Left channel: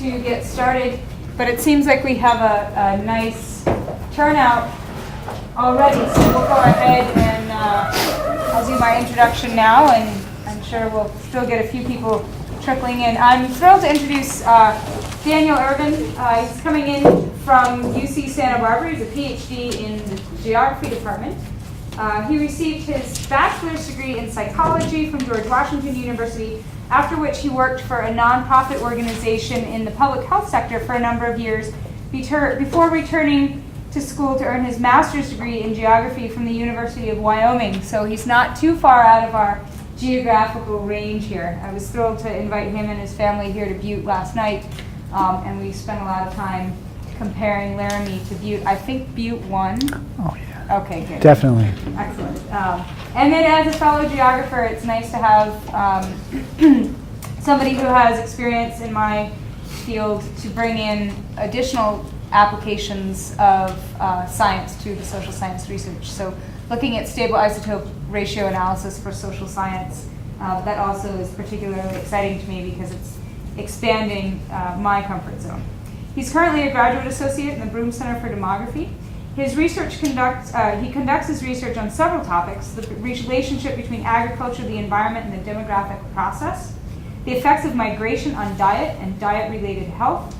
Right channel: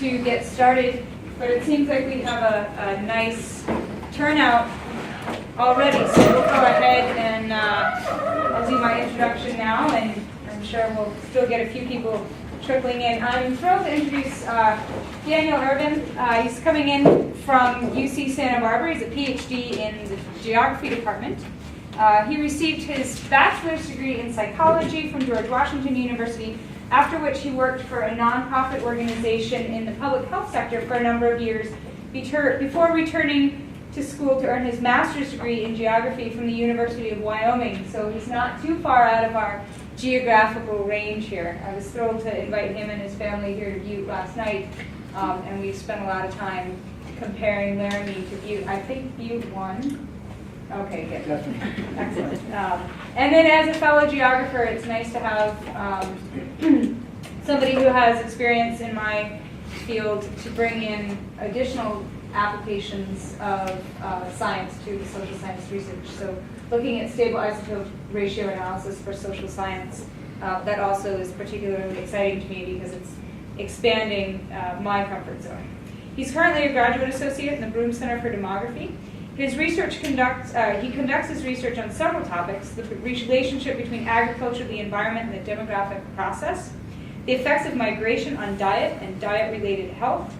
to get started, but it seems like we have a nice turnout already, so we'll go ahead and I'll do my introduction now, and I'm sure we'll still get a few people trickling in. I'm thrilled to introduce Daniel Ervin. He's coming in from UC Santa Barbara. He's a PhD in the geography department. He received his bachelor's degree in psychology from George Washington University, after which he worked for a nonprofit organization in the public health sector for a number of years before returning to school to earn his master's degree in geography from the University of Wyoming. So he's not too far out of our geographical range here. I was thrilled to invite him and his family here to Butte last night, and we spent a lot of time comparing Laramie to Butte. I think Butte won. Oh, yeah. Okay, good. Definitely. Excellent. And then as a fellow geographer, it's nice to have somebody who has experience in my field to bring in additional applications of science to the social science research. So looking at stable isotope ratio analysis for social science, that also is particularly exciting to me because it's expanding my comfort zone. He's currently a graduate associate in the Broome Center for Demography. His research he conducts his research on several topics: the relationship between agriculture, the environment, and the demographic process, the effects of migration on diet and diet-related health,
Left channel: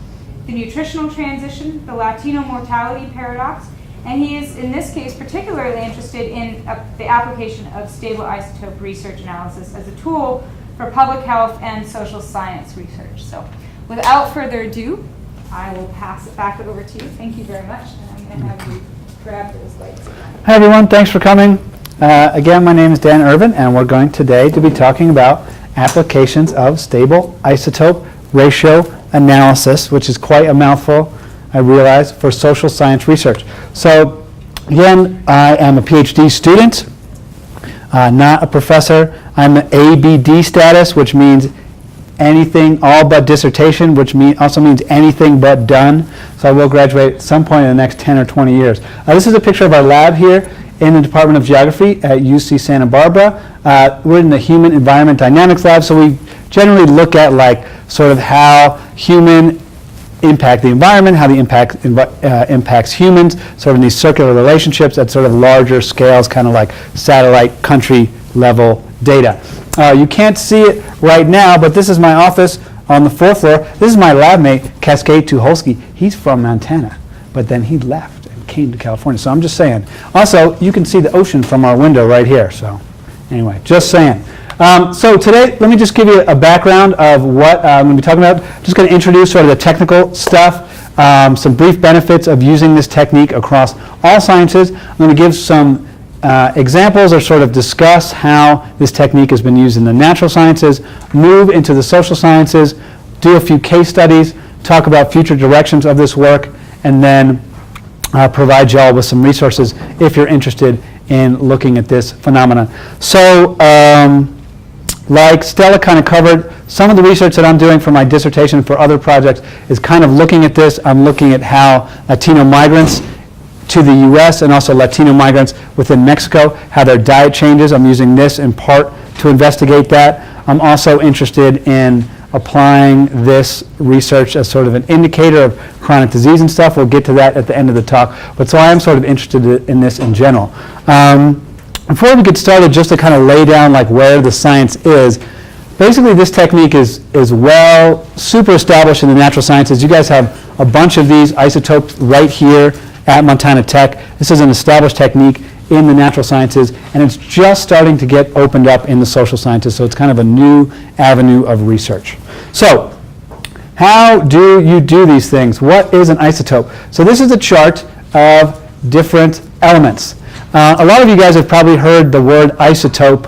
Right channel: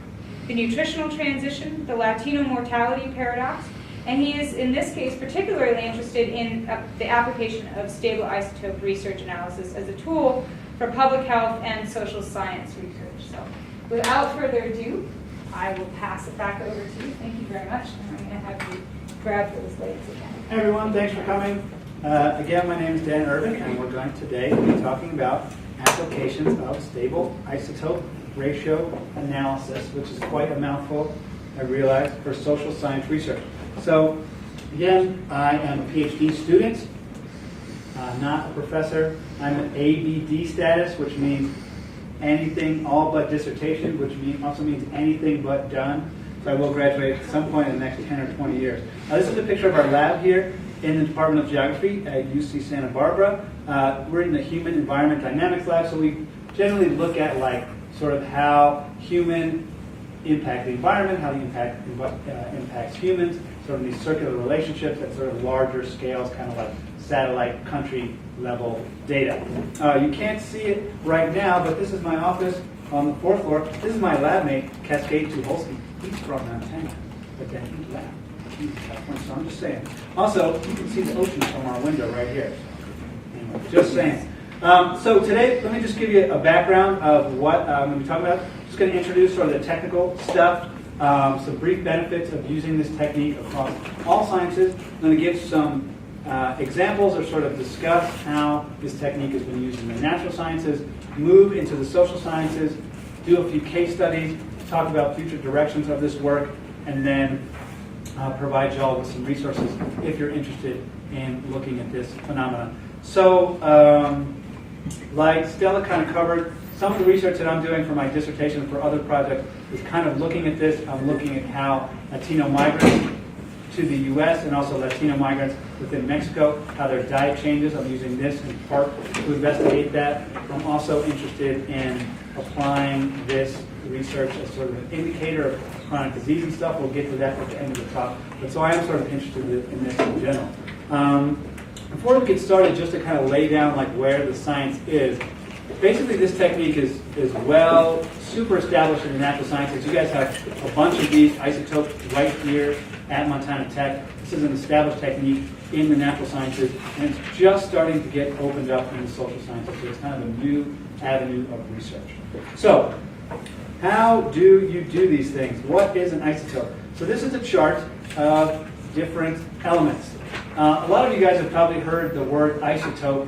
the nutritional transition, the Latino mortality paradox, and he is, in this case, particularly interested in the application of stable isotope research analysis as a tool for public health and social science research. So without further ado, I will pass it back over to you. Thank you very much. And I'm going to have you grab those lights again. Hi, everyone. Thanks for coming. Again, my name is Dan Ervin, and we're going today to be talking about applications of stable isotope ratio analysis, which is quite a mouthful, I realize, for social science research. So, again, I am a PhD student, not a professor. I'm an ABD status, which means anything all but dissertation, which also means anything but done. So I will graduate at some point in the next 10 or 20 years. This is a picture of our lab here in the Department of Geography at UC Santa Barbara. We're in the Human Environment Dynamics lab, so we generally look at sort of how human impact the environment, how the impact impacts humans, sort of in these circular relationships at sort of larger scales, kind of like satellite country level data. You can't see it right now, but this is my office on the 4th floor. This is my lab mate, Cascade Tucholsky. He's from Montana, but then he left and came to California. So I'm just saying. Also, you can see the ocean from our window right here. So anyway, just saying. So today, let me just give you a background of what I'm going to be talking about. Just going to introduce sort of the technical stuff, some brief benefits of using this technique across all sciences. I'm going to give some examples or sort of discuss how this technique has been used in the natural sciences, move into the social sciences, do a few case studies, talk about future directions of this work, and then provide you all with some resources if you're interested in looking at this phenomenon. So, like Stella kind of covered, some of the research that I'm doing for my dissertation and for other projects is kind of looking at this. I'm looking at how Latino migrants to the U.S. and also Latino migrants within Mexico, how their diet changes. I'm using this in part to investigate that. I'm also interested in applying this research as sort of an indicator of chronic disease and stuff. We'll get to that at the end of the talk. But so I am sort of interested in this in general. Before we get started, just to kind of lay down where the science is, basically this technique is super established in the natural sciences. You guys have a bunch of these isotopes right here at Montana Tech. This is an established technique in the natural sciences, and it's just starting to get opened up in the social sciences, so it's kind of a new avenue of research. So, how do you do these things? What is an isotope? So this is a chart of different elements. A lot of you guys have probably heard the word isotope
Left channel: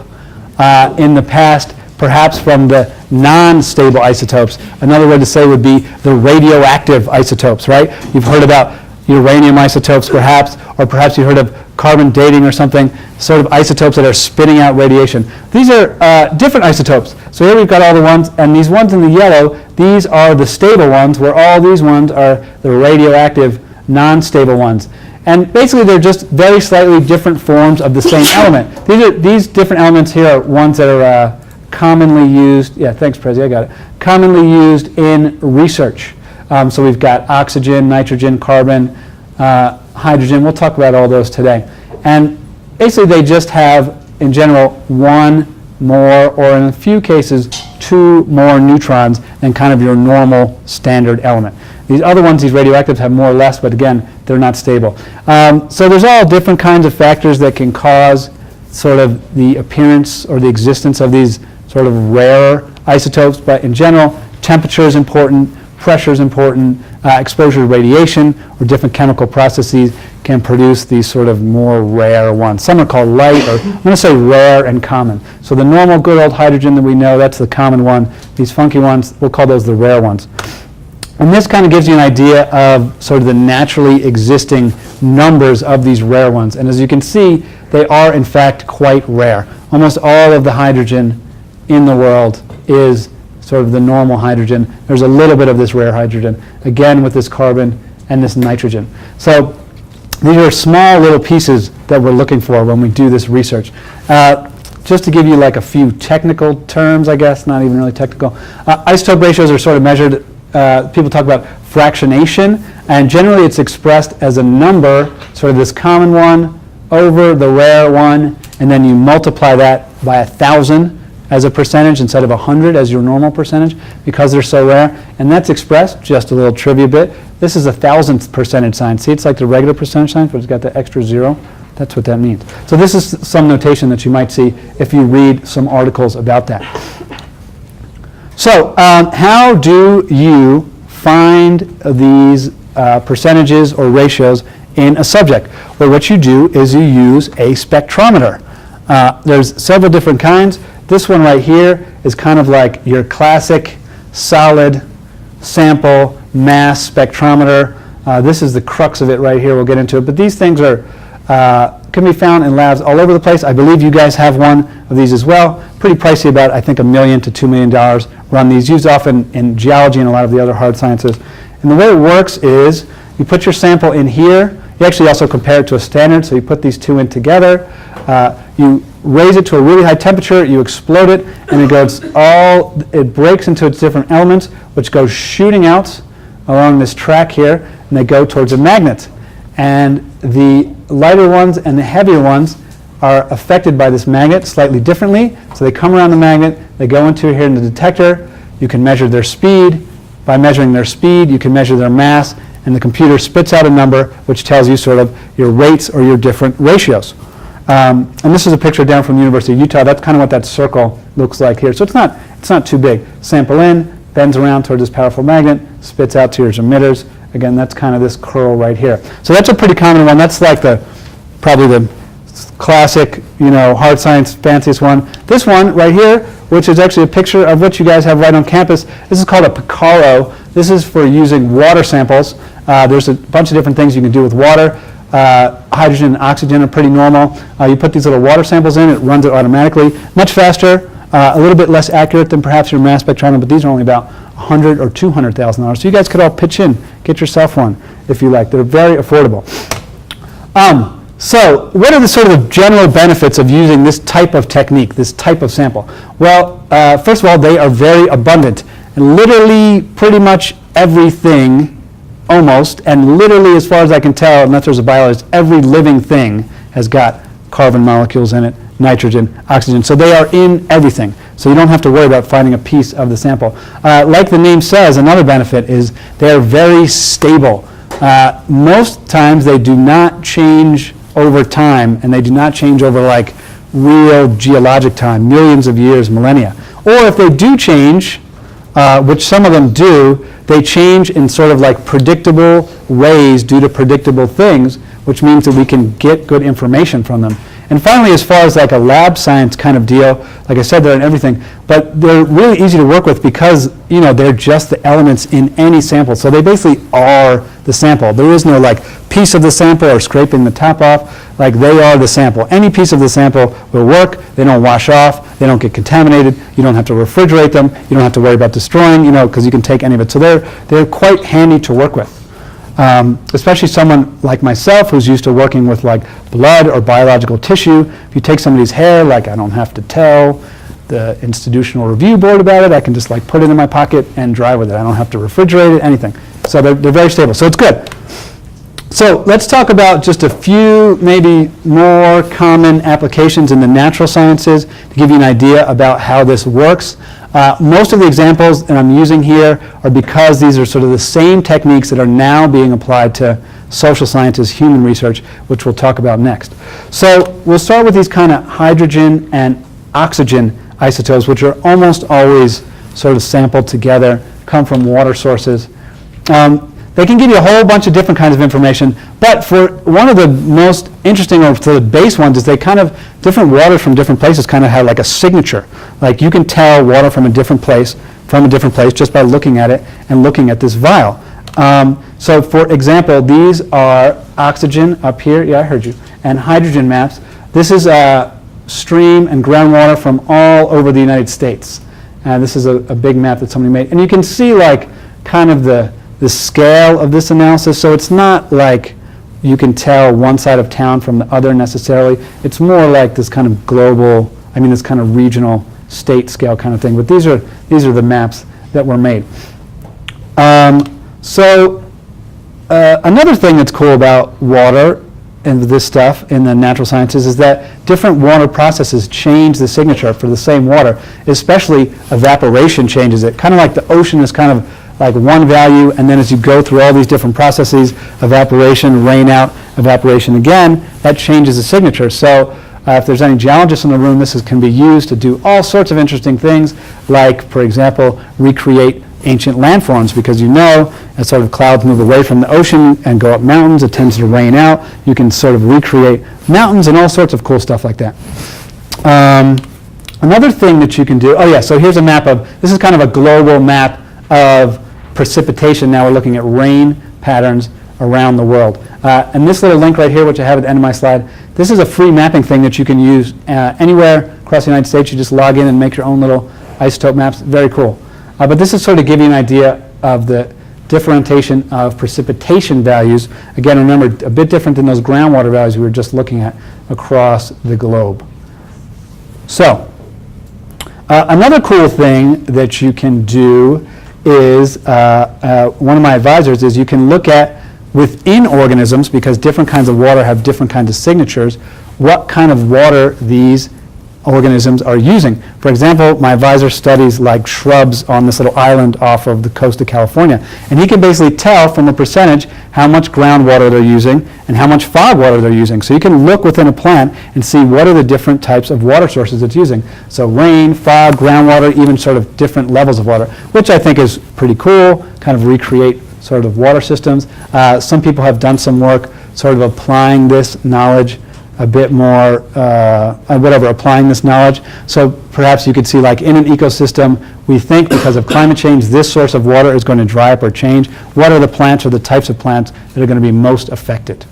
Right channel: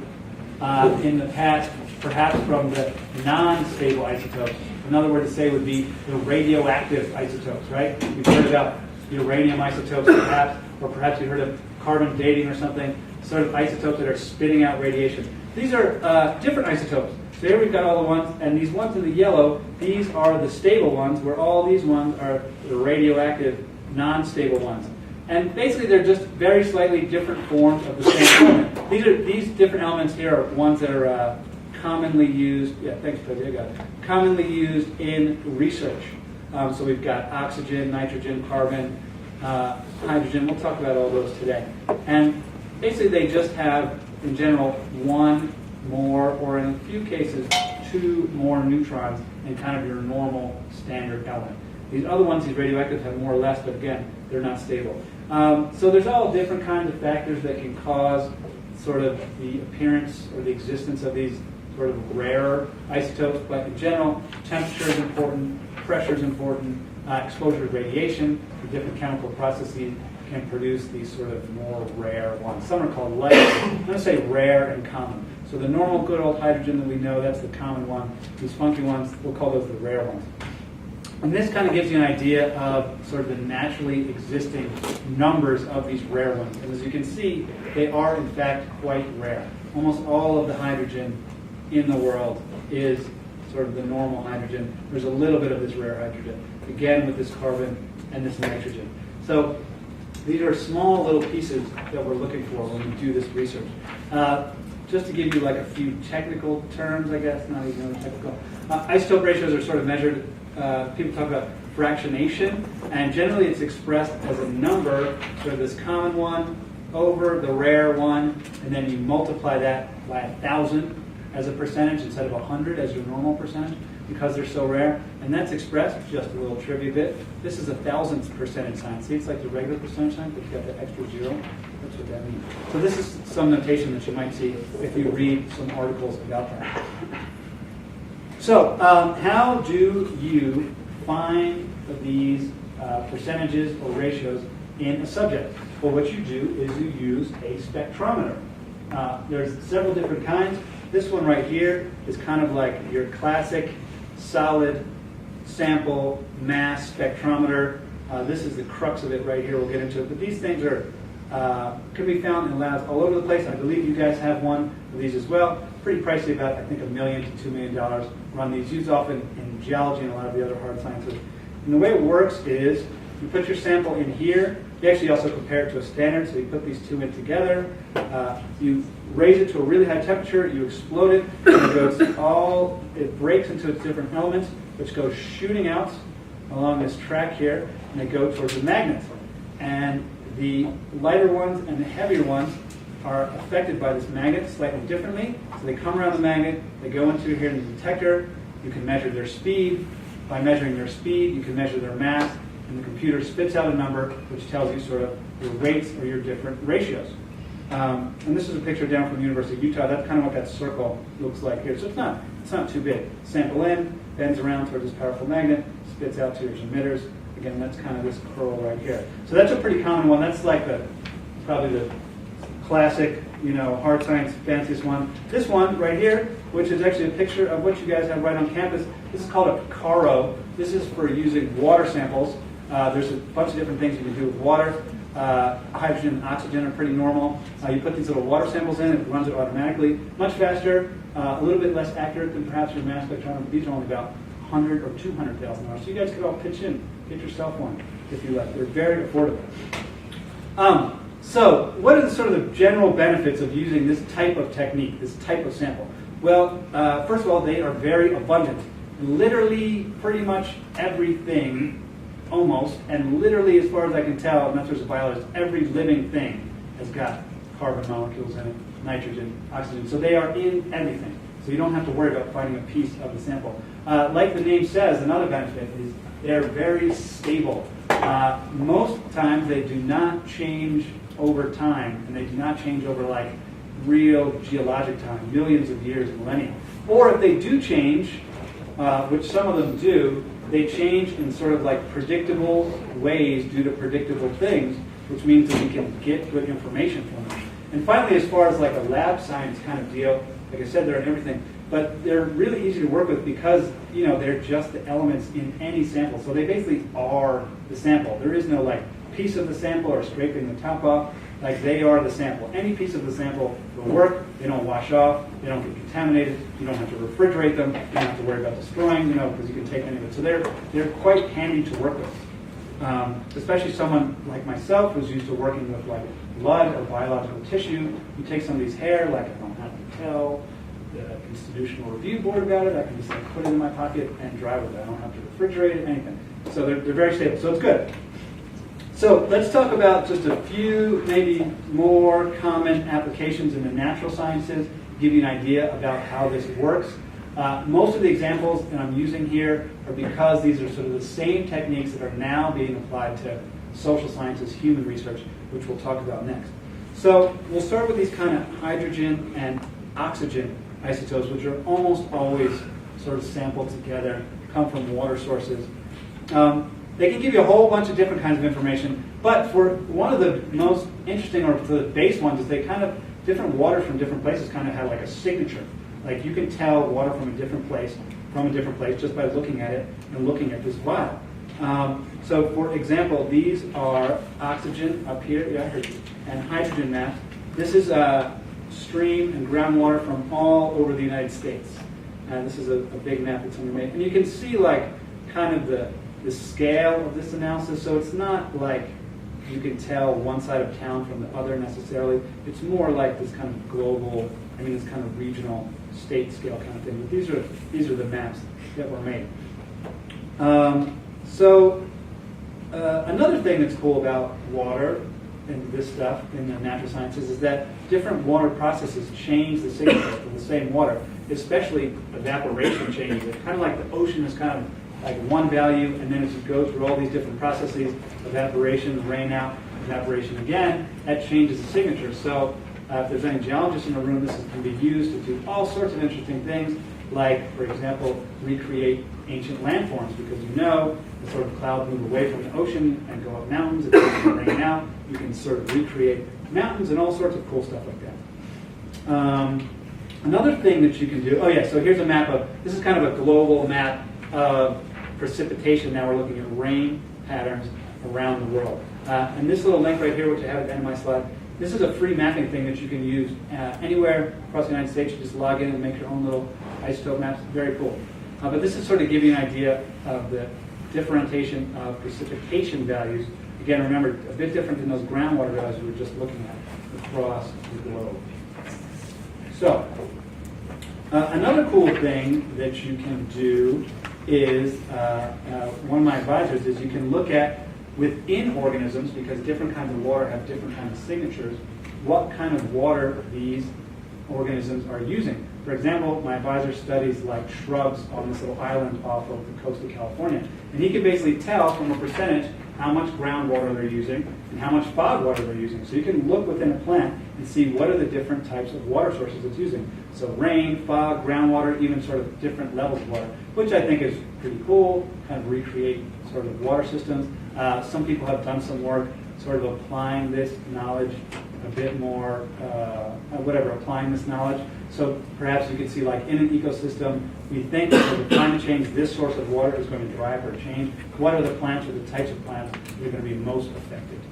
in the past, perhaps from the non-stable isotopes. Another word to say would be the radioactive isotopes, right? You've heard about uranium isotopes perhaps, or perhaps you heard of carbon dating or something, sort of isotopes that are spitting out radiation. These are different isotopes. So here we've got all the ones, and these ones in the yellow, these are the stable ones, where all these ones are the radioactive, non-stable ones. And basically they're just very slightly different forms of the same element. These different elements here are ones that are commonly used, yeah, thanks Prezi, I got it, commonly used in research. So we've got oxygen, nitrogen, carbon, hydrogen. We'll talk about all those today. And basically they just have, in general, one more, or in a few cases, two more neutrons than kind of your normal standard element. These other ones, these radioactives, have more or less, but again, they're not stable. So there's all different kinds of factors that can cause sort of the appearance or the existence of these sort of rare isotopes, but in general, temperature is important, pressure is important, exposure to radiation or different chemical processes can produce these sort of more rare ones. Some are called light, or I'm going to say rare and common. So the normal good old hydrogen that we know, that's the common one. These funky ones, we'll call those the rare ones. And this kind of gives you an idea of sort of the naturally existing numbers of these rare ones. And as you can see, they are in fact quite rare. Almost all of the hydrogen in the world is sort of the normal hydrogen. There's a little bit of this rare hydrogen, again with this carbon and this nitrogen. So these are small little pieces that we're looking for when we do this research. Just to give you like a few technical terms, I guess, not even really technical. Isotope ratios are sort of measured, people talk about fractionation, and generally it's expressed as a number, sort of this common one over the rare one, and then you multiply that by 1,000 as a percentage instead of 100 as your normal percentage because they're so rare. And that's expressed, just a little trivia bit, this is 1,000th percentage sign. See, it's like the regular percentage sign, but it's got the extra zero. That's what that means. So this is some notation that you might see if you read some articles about that. So how do you find these percentages or ratios in a subject? Well, what you do is you use a spectrometer. There's several different kinds. This one right here is kind of like your classic solid sample mass spectrometer. This is the crux of it right here. We'll get into it. But these things are can be found in labs all over the place. I believe you guys have one of these as well. Pretty pricey, about I think $1 million to $2 million run these. Used often in geology and a lot of the other hard sciences. And the way it works is you put your sample in here. You actually also compare it to a standard, so you put these two in together. You raise it to a really high temperature, you explode it, and it breaks into its different elements, which goes shooting out along this track here, and they go towards a magnet. And the lighter ones and the heavier ones are affected by this magnet slightly differently. So they come around the magnet, they go into here in the detector. You can measure their speed. By measuring their speed, you can measure their mass, and the computer spits out a number which tells you sort of your rates or your different ratios. And this is a picture down from the University of Utah. That's kind of what that circle looks like here. So it's not too big. Sample in, bends around towards this powerful magnet, spits out to your emitters. Again, that's kind of this curl right here. So that's a pretty common one. That's like probably the classic, hard science fanciest one. This one right here, which is actually a picture of what you guys have right on campus. This is called a Picaro. This is for using water samples. There's a bunch of different things you can do with water. Hydrogen and oxygen are pretty normal. You put these little water samples in, it runs it automatically. Much faster, a little bit less accurate than perhaps your mass spectrometer, but these are only about $100,000 or $200,000. So you guys could all pitch in, get yourself one if you like. They're very affordable. So what are the sort of general benefits of using this type of technique, this type of sample? Well, first of all, they are very abundant. And literally pretty much everything, almost, and literally as far as I can tell, unless there's a biologist, every living thing has got carbon molecules in it, nitrogen, oxygen. So they are in everything. So you don't have to worry about finding a piece of the sample. Like the name says, another benefit is they're very stable. Most times they do not change over time, and they do not change over like real geologic time, millions of years, millennia. Or if they do change, which some of them do, they change in sort of like predictable ways due to predictable things, which means that we can get good information from them. And finally, as far as like a lab science kind of deal, like I said, they're in everything, but they're really easy to work with because, they're just the elements in any sample. So they basically are the sample. There is no like piece of the sample or scraping the top off. Like they are the sample. Any piece of the sample will work. They don't wash off. They don't get contaminated. You don't have to refrigerate them. You don't have to worry about destroying, because you can take any of it. So they're quite handy to work with. Especially someone like myself who's used to working with like blood or biological tissue. If you take somebody's hair, like I don't have to tell the institutional review board about it. I can just like put it in my pocket and drive with it. I don't have to refrigerate it, anything. So they're very stable. So it's good. So let's talk about just a few maybe more common applications in the natural sciences to give you an idea about how this works. Most of the examples that I'm using here are because these are sort of the same techniques that are now being applied to social sciences, human research, which we'll talk about next. So we'll start with these kind of hydrogen and oxygen isotopes, which are almost always sort of sampled together, come from water sources. They can give you a whole bunch of different kinds of information, but for one of the most interesting or the base ones is they kind of, different waters from different places kind of have like a signature. Like you can tell water from a different place just by looking at it and looking at this vial. So for example, these are oxygen up here, yeah I heard you, and hydrogen maps. This is stream and groundwater from all over the United States. This is a big map that somebody made. And you can see like kind of the scale of this analysis. So it's not like you can tell one side of town from the other necessarily. It's more like this kind of global, this kind of regional state scale kind of thing. But these are the maps that were made. Another thing that's cool about water and this stuff in the natural sciences is that different water processes change the signature for the same water, especially evaporation changes it. Kind of like the ocean is kind of like one value, and then as you go through all these different processes, evaporation, rain out, evaporation again, that changes the signature. So if there's any geologists in the room, this can be used to do all sorts of interesting things, like, for example, recreate ancient landforms, because as sort of clouds move away from the ocean and go up mountains, it tends to rain out. You can sort of recreate mountains and all sorts of cool stuff like that. Another thing that you can do, so here's a map this is kind of a global map of precipitation. Now we're looking at rain patterns around the world. And this little link right here, which I have at the end of my slide, this is a free mapping thing that you can use anywhere across the United States. You just log in and make your own little isotope maps. Very cool. But this is sort of give you an idea of the differentiation of precipitation values. Again, remember, a bit different than those groundwater values we were just looking at across the globe. So, another cool thing that you can do is, one of my advisors is you can look at within organisms, because different kinds of water have different kinds of signatures, what kind of water these organisms are using. For example, my advisor studies like shrubs on this little island off of the coast of California, and he can basically tell from a percentage how much groundwater they're using and how much fog water they're using. So you can look within a plant and see what are the different types of water sources it's using. So rain, fog, groundwater, even sort of different levels of water, which I think is pretty cool, kind of recreate sort of water systems. Some people have done some work sort of applying this knowledge a bit more, applying this knowledge. So perhaps you could see, like, in an ecosystem, we think because of climate change, this source of water is going to dry up or change. What are the plants or the types of plants that are going to be most affected?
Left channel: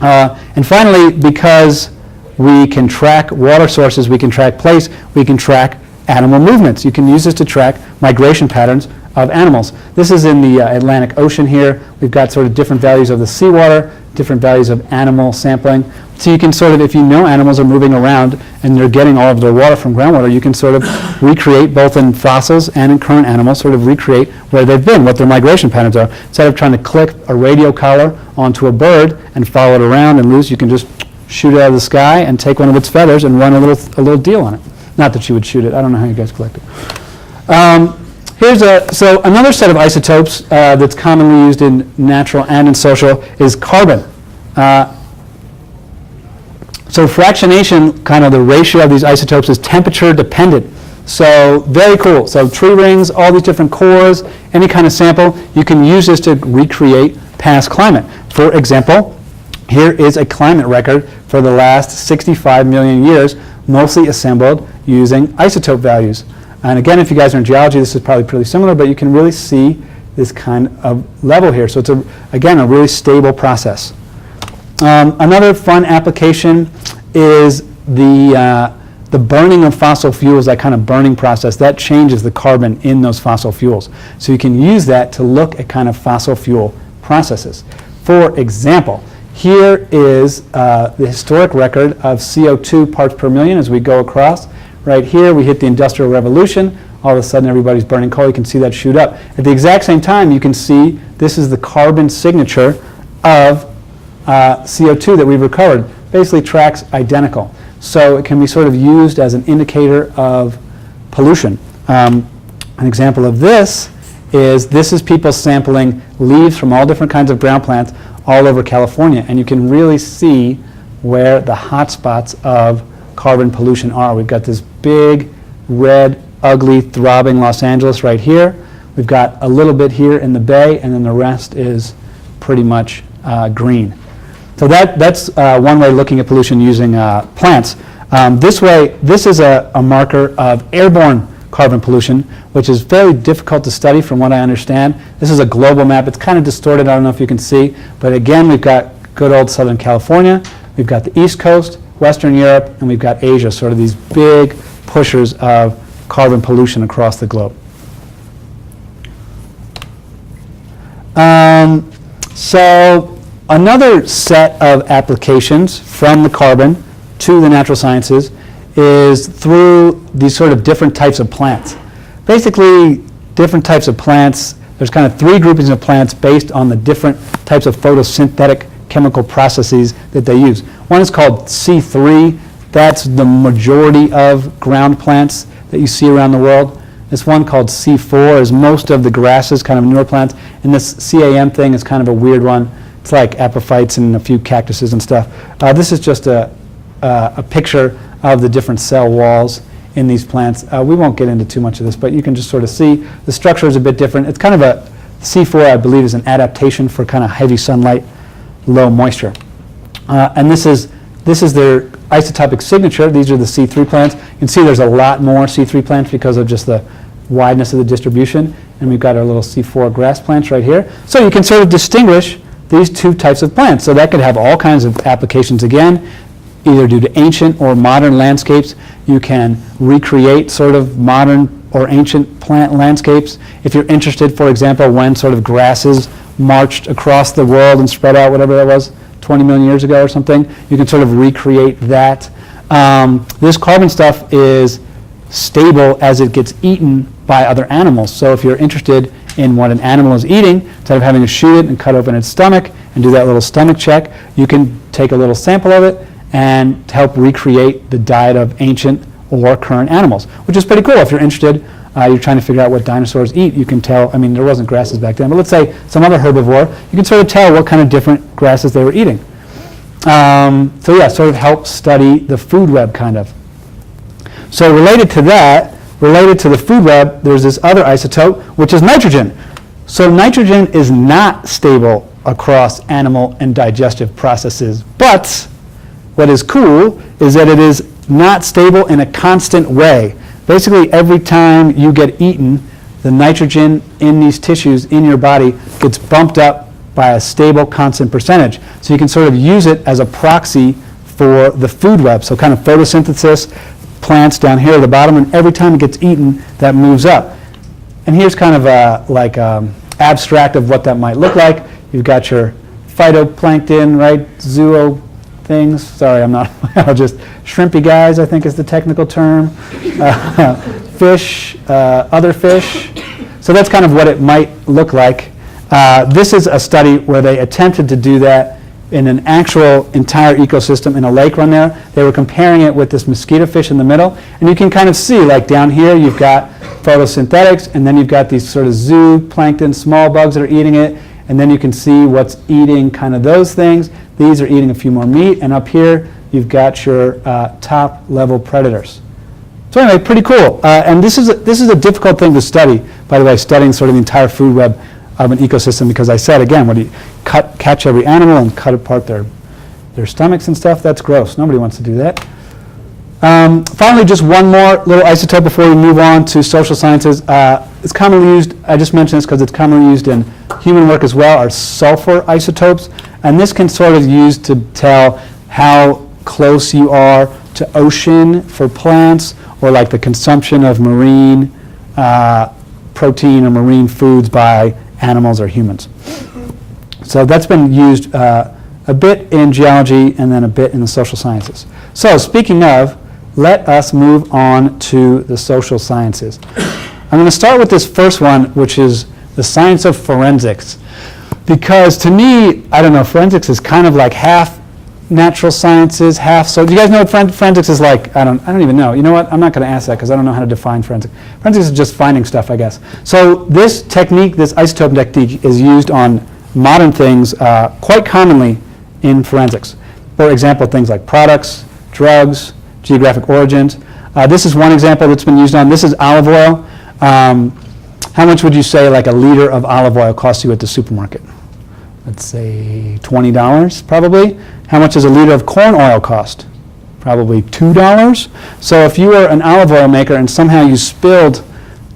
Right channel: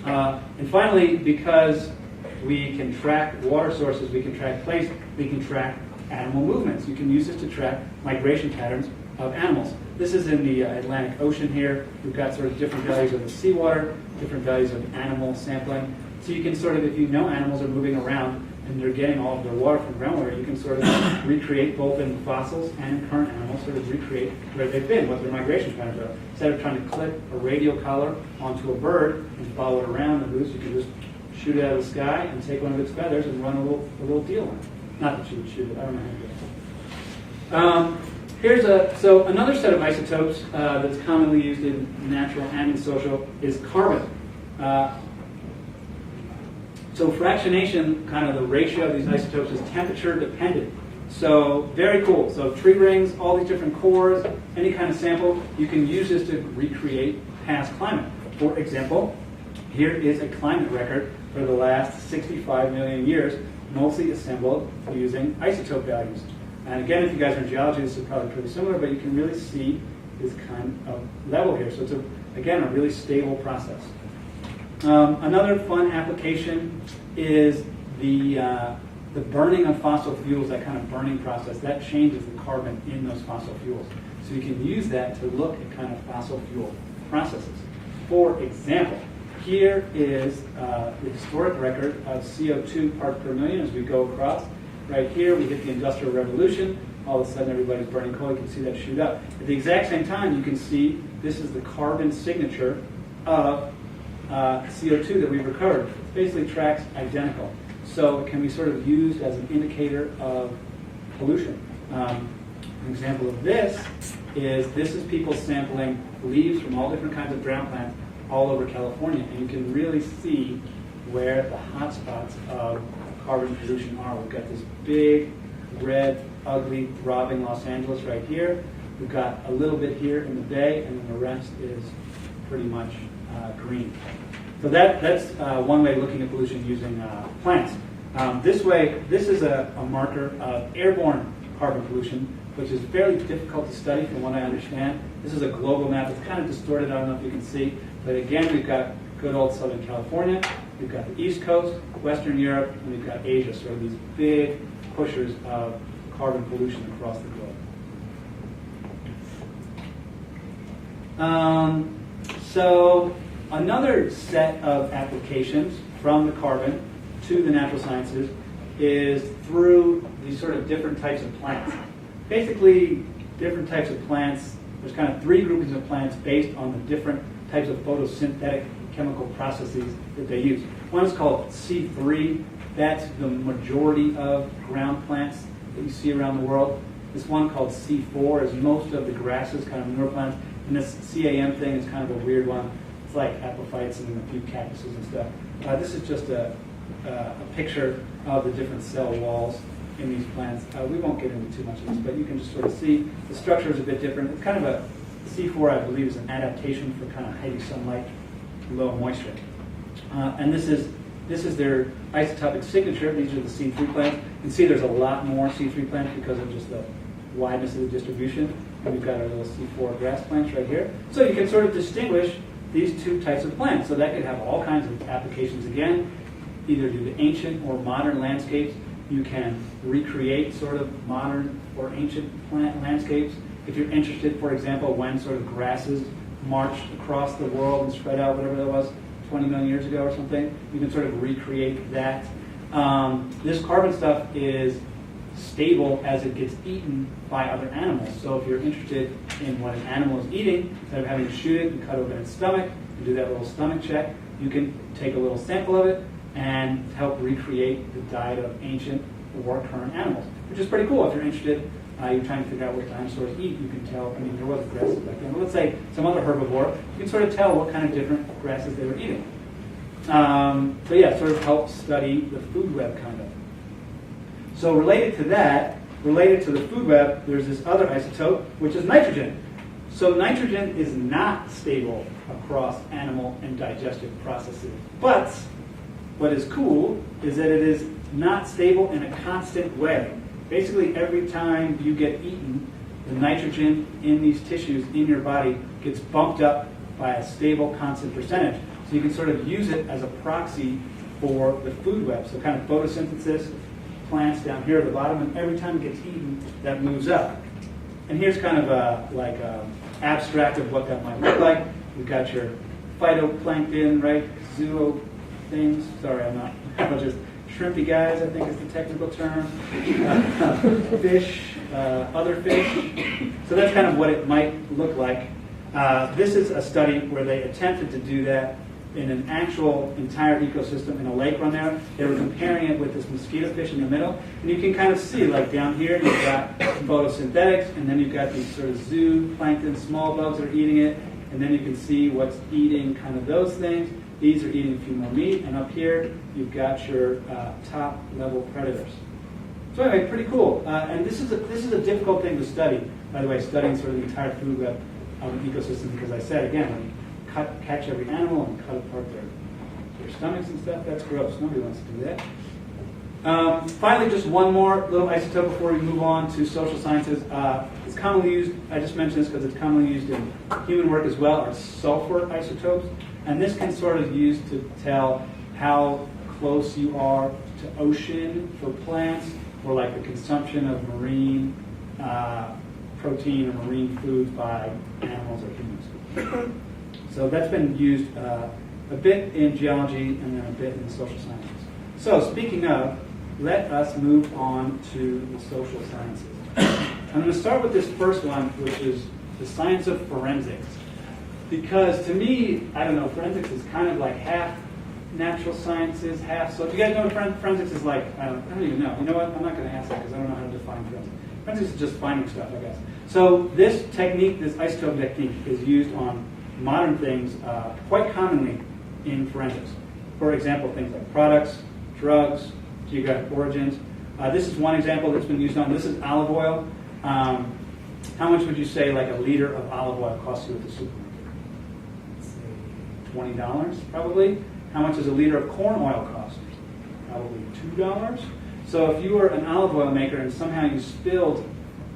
And finally, because we can track water sources, we can track place, we can track animal movements. You can use this to track migration patterns of animals. This is in the Atlantic Ocean here. We've got sort of different values of the seawater, different values of animal sampling. So you can sort of, if you know animals are moving around and they're getting all of their water from groundwater, you can sort of recreate, both in fossils and in current animals, sort of recreate where they've been, what their migration patterns are. Instead of trying to click a radio collar onto a bird and follow it around and loose, you can just shoot it out of the sky and take one of its feathers and run a little deal on it. Not that you would shoot it. I don't know how you guys collect it. So another set of isotopes that's commonly used in natural and in social is carbon. So fractionation, kind of the ratio of these isotopes, is temperature dependent. So very cool. So tree rings, all these different cores, any kind of sample, you can use this to recreate past climate. For example, here is a climate record for the last 65 million years, mostly assembled using isotope values. And again, if you guys are in geology, this is probably pretty similar, but you can really see this kind of level here. So it's, again, a really stable process. Another fun application is the burning of fossil fuels, that kind of burning process. That changes the carbon in those fossil fuels. So you can use that to look at kind of fossil fuel processes. For example, here is the historic record of CO2 parts per million as we go across. Right here, we hit the Industrial Revolution. all of a sudden everybody's burning coal. You can see that shoot up. At the exact same time, you can see this is the carbon signature of CO2 that we've recovered. Basically tracks identical. So it can be sort of used as an indicator of pollution. An example of this is people sampling leaves from all different kinds of ground plants all over California, and you can really see where the hot spots of carbon pollution are. We've got this big, red, ugly, throbbing Los Angeles right here. We've got a little bit here in the Bay, and then the rest is pretty much green. So that's one way of looking at pollution using plants. This is a marker of airborne carbon pollution, which is very difficult to study from what I understand. This is a global map. It's kind of distorted. I don't know if you can see. But again, we've got good old Southern California. We've got the East Coast, Western Europe, and we've got Asia, sort of these big pushers of carbon pollution across the globe. So another set of applications from the carbon to the natural sciences is through these sort of different types of plants. Basically, different types of plants, there's kind of three groupings of plants based on the different types of photosynthetic chemical processes that they use. One is called C3. That's the majority of ground plants that you see around the world. This one called C4 is most of the grasses, kind of newer plants. And this CAM thing is kind of a weird one. It's like apophytes and a few cactuses and stuff. This is just a picture of the different cell walls in these plants. We won't get into too much of this, but you can just sort of see the structure is a bit different. It's kind of a C4, I believe, is an adaptation for kind of heavy sunlight, low moisture. And this is their isotopic signature. These are the C3 plants. You can see there's a lot more C3 plants because of just the wideness of the distribution. And we've got our little C4 grass plants right here. So you can sort of distinguish these two types of plants. So that could have all kinds of applications again, either due to ancient or modern landscapes. You can recreate sort of modern or ancient plant landscapes. If you're interested, for example, when sort of grasses marched across the world and spread out, whatever that was, 20 million years ago or something, you can sort of recreate that. This carbon stuff is stable as it gets eaten by other animals. So if you're interested in what an animal is eating, instead of having to shoot it and cut open its stomach and do that little stomach check, you can take a little sample of it and help recreate the diet of ancient or current animals, which is pretty cool. If you're interested, you're trying to figure out what dinosaurs eat, you can tell, I mean, there wasn't grasses back then, but let's say some other herbivore, you can sort of tell what kind of different grasses they were eating. So yeah, sort of help study the food web, kind of. So related to that, related to the food web, there's this other isotope, which is nitrogen. So nitrogen is not stable across animal and digestive processes, but what is cool is that it is not stable in a constant way. Basically, every time you get eaten, the nitrogen in these tissues in your body gets bumped up by a stable, constant percentage. So you can sort of use it as a proxy for the food web. So kind of photosynthesis, plants down here at the bottom, and every time it gets eaten, that moves up. And here's kind of a abstract of what that might look like. You've got your phytoplankton, right, zooplankton things. Sorry, I'm not, I'll just, shrimpy guys, I think is the technical term. Fish, other fish. So that's kind of what it might look like. This is a study where they attempted to do that in an actual entire ecosystem in a lake run there. They were comparing it with this mosquito fish in the middle. And you can kind of see, like down here, you've got photosynthetics, and then you've got these sort of zooplankton, small bugs that are eating it. And then you can see what's eating kind of those things. These are eating a few more meat, and up here you've got your top level predators. So anyway, pretty cool. And this is a difficult thing to study, by the way, studying sort of the entire food web of an ecosystem, because I said, again, when you catch every animal and cut apart their stomachs and stuff, that's gross. Nobody wants to do that. Finally, just one more little isotope before we move on to social sciences. It's commonly used, I just mentioned this because it's commonly used in human work as well, are sulfur isotopes. And this can sort of use to tell how close you are to ocean for plants, or like the consumption of marine protein or marine foods by animals or humans. So that's been used a bit in geology and then a bit in the social sciences. So speaking of, let us move on to the social sciences. I'm going to start with this first one, which is the science of forensics. Because to me, I don't know, forensics is kind of like half natural sciences, half. So do you guys know what forensics is like? I don't even know. You know what? I'm not going to ask that because I don't know how to define forensics. Forensics is just finding stuff, I guess. So this technique, this isotope technique, is used on modern things quite commonly in forensics. For example, things like products, drugs, geographic origins. This is one example that's been used on. This is olive oil. How much would you say like a liter of olive oil costs you at the supermarket? Let's say $20 probably. How much does a liter of corn oil cost? Probably $2. So if you were an olive oil maker and somehow you spilled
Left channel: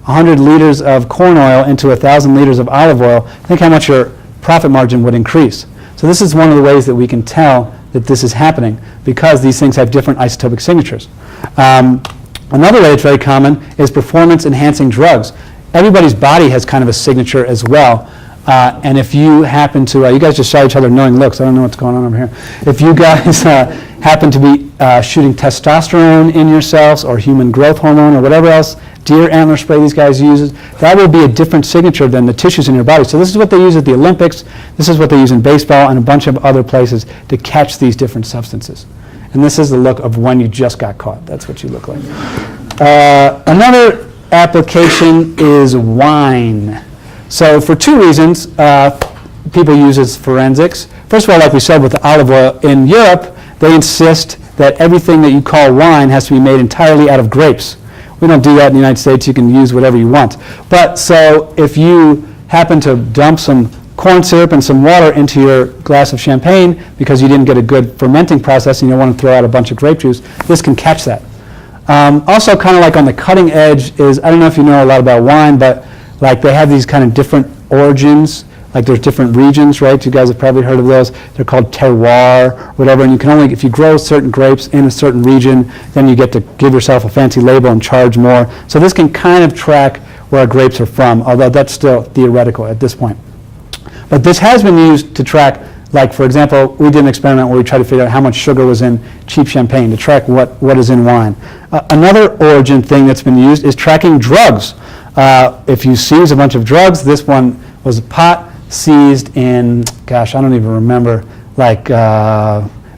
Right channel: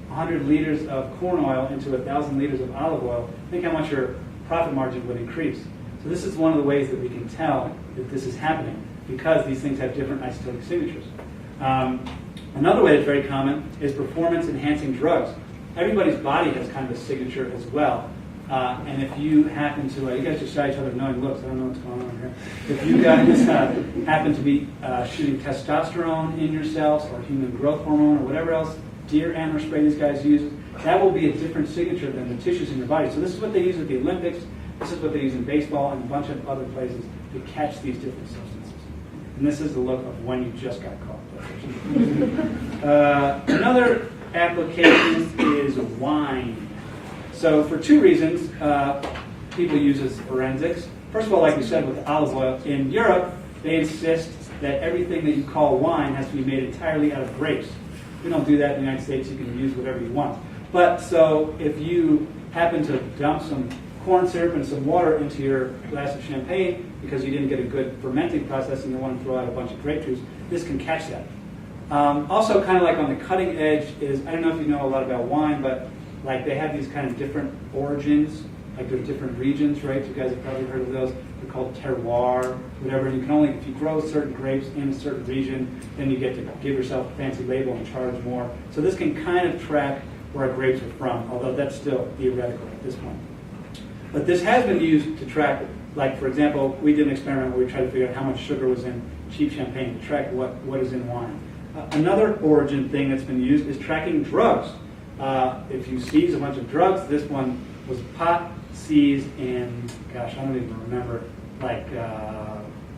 100 liters of corn oil into 1,000 liters of olive oil, think how much your profit margin would increase. So this is one of the ways that we can tell that this is happening because these things have different isotopic signatures. Another way that's very common is performance-enhancing drugs. Everybody's body has kind of a signature as well. And if you happen to, you guys just shot each other knowing looks. I don't know what's going on over here. If you guys happen to be shooting testosterone in yourselves or human growth hormone or whatever else, deer antler spray these guys use, that will be a different signature than the tissues in your body. So this is what they use at the Olympics. This is what they use in baseball and a bunch of other places to catch these different substances. And this is the look of when you just got caught. That's what you look like. Another application is wine. So for two reasons, people use it as forensics. First of all, like we said with the olive oil, in Europe, they insist that everything that you call wine has to be made entirely out of grapes. We don't do that in the United States. You can use whatever you want. But so if you happen to dump some corn syrup and some water into your glass of champagne because you didn't get a good fermenting process and you don't want to throw out a bunch of grape juice, this can catch that. Also kind of like on the cutting edge is, I don't know if you know a lot about wine, but like they have these kind of different origins, like there's different regions, right? You guys have probably heard of those. They're called terroir, whatever, and you can only, if you grow certain grapes in a certain region, then you get to give yourself a fancy label and charge more. So this can kind of track where grapes are from, although that's still theoretical at this point. But this has been used to track, like for example, we did an experiment where we tried to figure out how much sugar was in cheap champagne to track what is in wine. Another origin thing that's been used is tracking drugs. If you seize a bunch of drugs, this one was pot seized in, gosh, I don't even remember, like